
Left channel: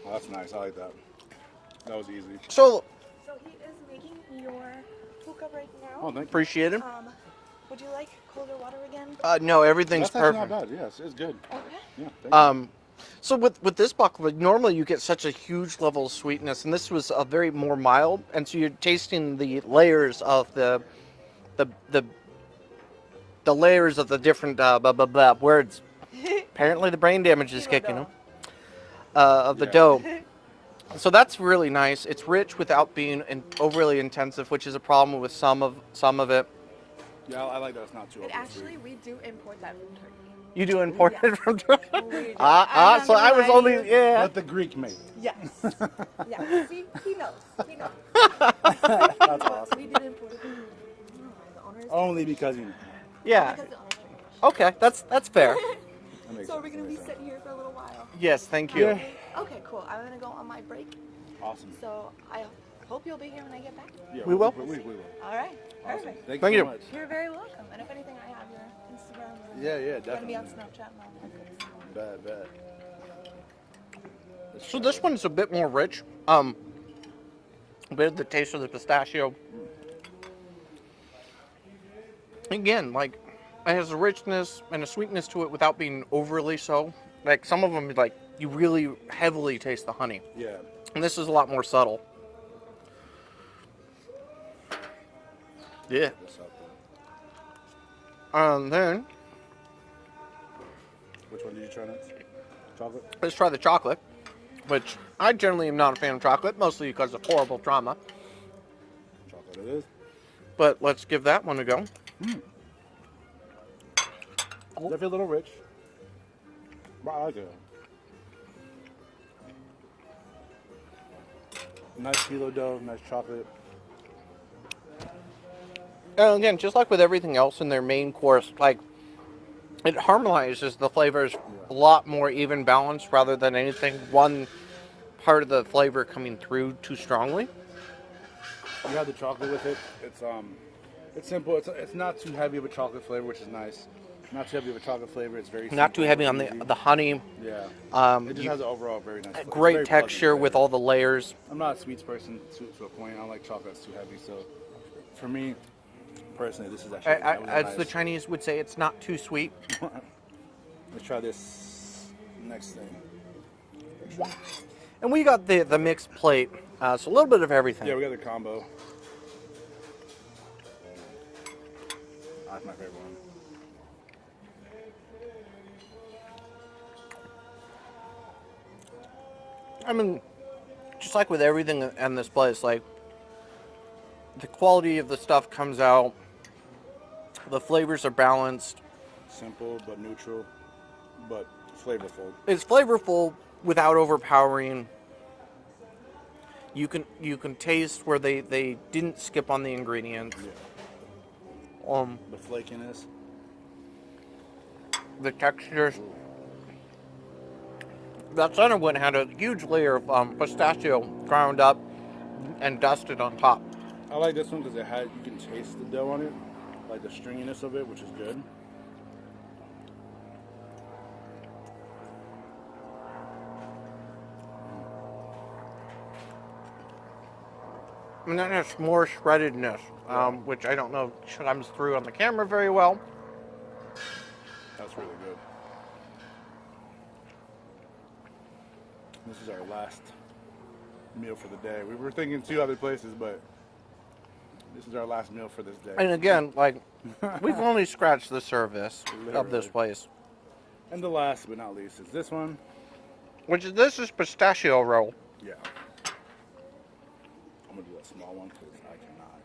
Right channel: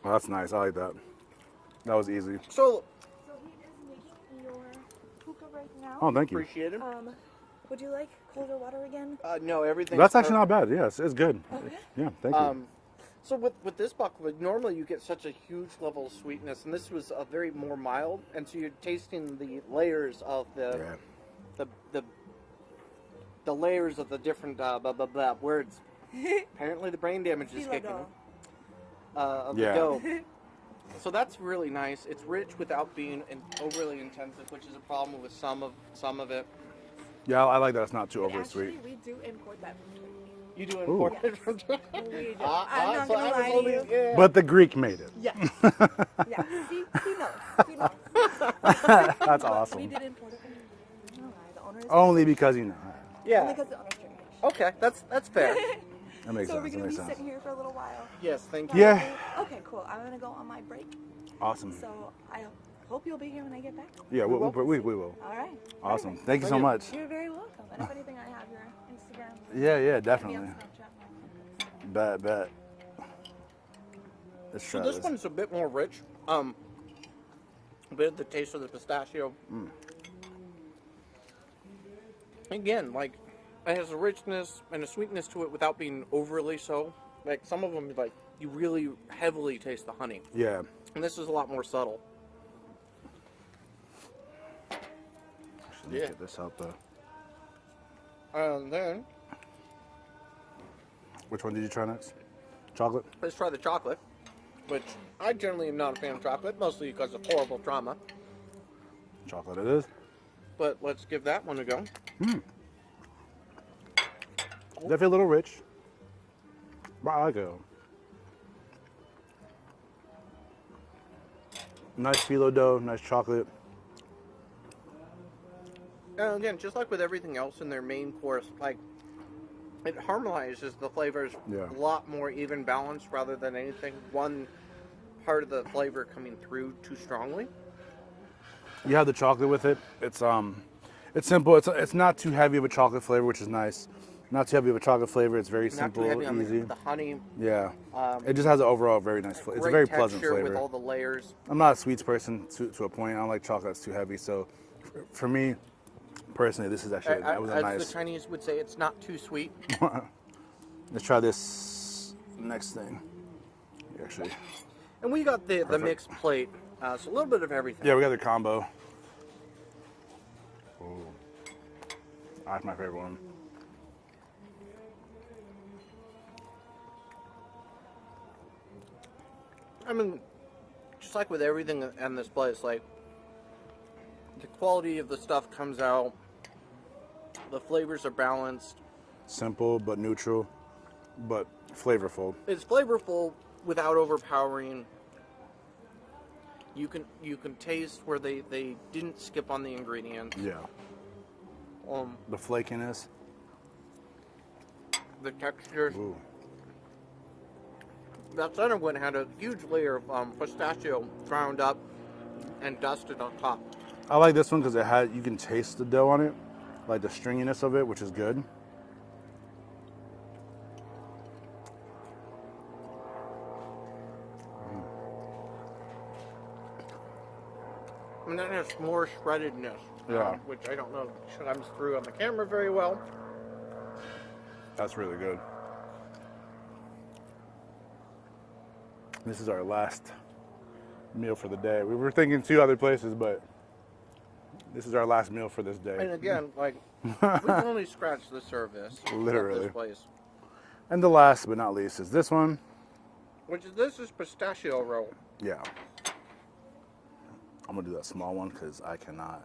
Well, that's nice. I like that. That was easy. So So he is making your hookah right now. Oh, thank you. appreciate it. Would you like colder water again? No, everything's That's actually perfect. not bad. Yes, it's good. Okay. Yeah, thank you. So with this baklava, normally you get such a huge level of sweetness, and this was a very more mild, and so you're tasting the layers of the layers of the different words. Apparently, the brain damage is kicking in. Of the Yeah. dough. So that's really nice. It's rich without being overly intensive, which is a problem with some of it. Yeah, I like that. It's not too overly Actually, sweet. we do import that from Turkey. You do import it from Turkey. We do. So I was only yeah. But the Greek made it. Yes. Yeah. See, he knows. He knows. That's awesome. We did import it from the owner is Only because you know. yeah. because the owner's Turkish. Okay, that's fair. That makes So are sense. we That gonna be makes sense. sitting here for a little while? Yes, thank you. Yeah. Okay, cool. I'm gonna go on my break. Awesome. So I hope you'll be here when I get back. Yeah, We will. We will. All right. Awesome. Perfect. Thank you Thank so you. much. You're very welcome. And if anything, I have your Instagram. Yeah, And definitely. be on Snapchat and all that good stuff. Bet. Let's So try this one's a bit more rich. A bit of the taste of the pistachio. Again, like it has a richness and a sweetness to it without being overly so. Like some of them, like you really heavily taste the honey, Yeah. and this is a lot more subtle. Yeah. This helped though. Then Which one did you try next? Chocolate? let's try the chocolate, which I generally am not a fan of chocolate, mostly because of horrible trauma. Chocolate it is. But let's give that one a go. Definitely a little rich. But I like it. Nice phyllo dough, nice chocolate. And again, just like with everything else in their main course, like it harmonizes the flavors Yeah. a lot more even balanced rather than anything one part of the flavor coming through too strongly. You have the chocolate with it. It's simple. It's not too heavy of a chocolate flavor, which is nice. Not too heavy of a chocolate flavor. It's very simple. Not too heavy on easy. the honey. Yeah. It just You- has an overall very nice flavor. It's a Great very pleasant texture with flavor. all the layers. I'm not a sweets person to a point. I don't like chocolate that's too heavy. So for me, personally, this is actually that was a As nice. the Chinese would say, it's not too sweet. Let's try this next thing. Actually, And we got the mixed plate, so a little bit of everything. yeah, we got the combo. That's my favorite one. I mean, just like with everything in this place, like the quality of the stuff comes out, the flavors are balanced. Simple but neutral, but flavorful. It's flavorful without overpowering. You can taste where they didn't skip on the ingredients. Yeah. The flakiness. The textures. That center one had a huge layer of pistachio ground up and dusted on top. I like this one because you can taste the dough on it, like the stringiness of it, which is good. And then there's more shreddedness, Yeah. which I don't know comes through on the camera very well. That's really good. This is our last meal for the day. We were thinking 2 other places, but this is our last meal for this day. And again, like, we've only scratched the surface of Literally. this place. And the last but not least is this one. This is pistachio roll. Yeah. I'm gonna do that small one because I cannot.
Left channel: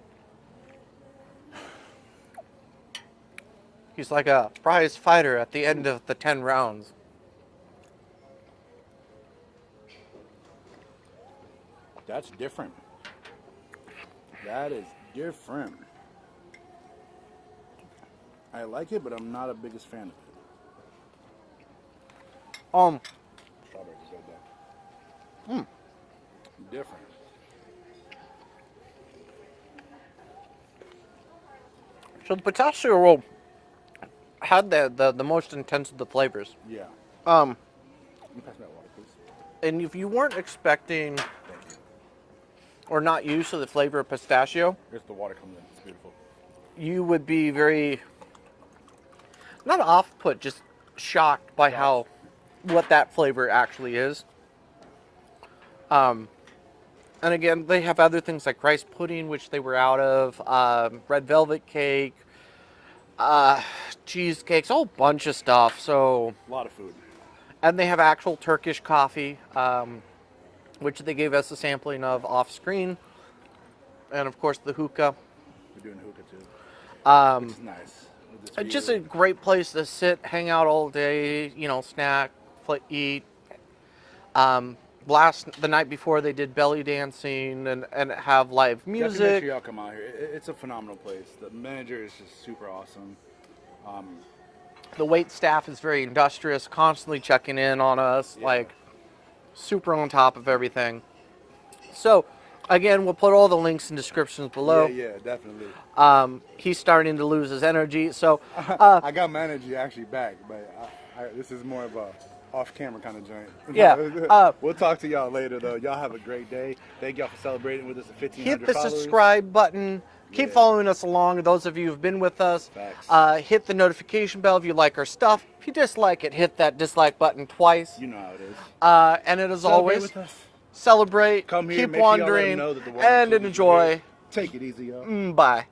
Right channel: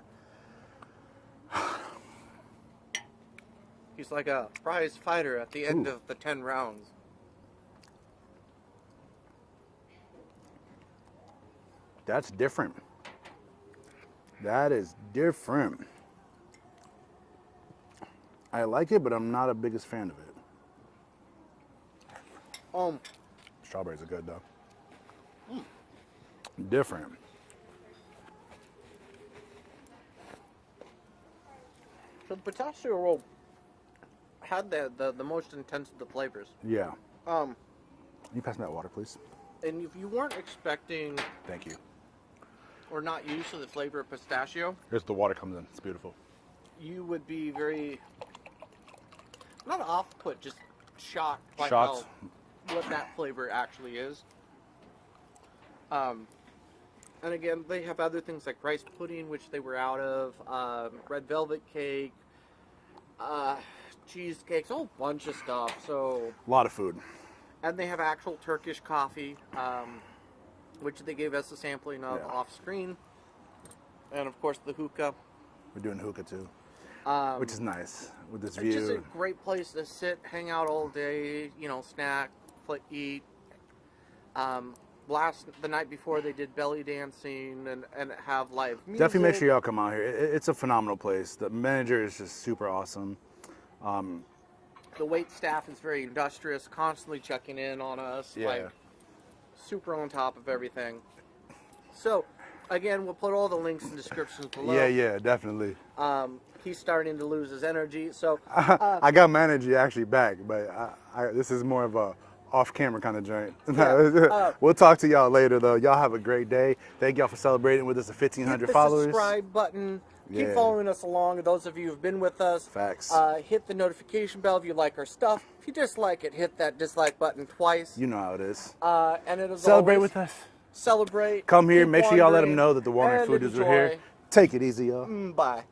He's like a prize fighter at the end of the 10 rounds. That's different. That is different. I like it, but I'm not a biggest fan of it. Strawberries are good though. Different. So the pistachio roll had the most intense of the flavors. Yeah. Um, Can you pass me that water, please? and if you weren't expecting Thank you. or not used to the flavor of pistachio, Here's the water comes in. It's beautiful. you would be very, not off-put, just shocked by Shocked. what that flavor actually is. And again, they have other things like rice pudding, which they were out of, red velvet cake, cheesecakes, a whole bunch of stuff. So, A lot of food. and they have actual Turkish coffee, which they gave us a sampling of off screen. And of course the hookah. We're doing hookah too, which is nice. With this It's view. just a great place to sit, hang out all day, snack, eat. The night before they did belly dancing and have live music. Definitely make sure y'all come out here. It's a phenomenal place. The manager is just super awesome. The wait staff is very industrious, constantly checking in on us, Yeah. like super on top of everything. So, again, we'll put all the links and descriptions below. Yeah, definitely. He's starting to lose his energy, so I got my energy actually back, but this is more of a off-camera kind of joint. Yeah, We'll talk to y'all later, though. Y'all have a great day. Thank y'all for celebrating with us at hit 1,500 the followers. subscribe button. Keep Yeah. following us along. Those of you who've been with us, Facts. hit the notification bell if you like our stuff. If you dislike it, hit that dislike button twice. You know how it is. And it is Celebrate always with us. celebrate. Come here. keep Make sure y'all let wandering, them know that the water and food is enjoy. here. Take it easy, y'all. Bye.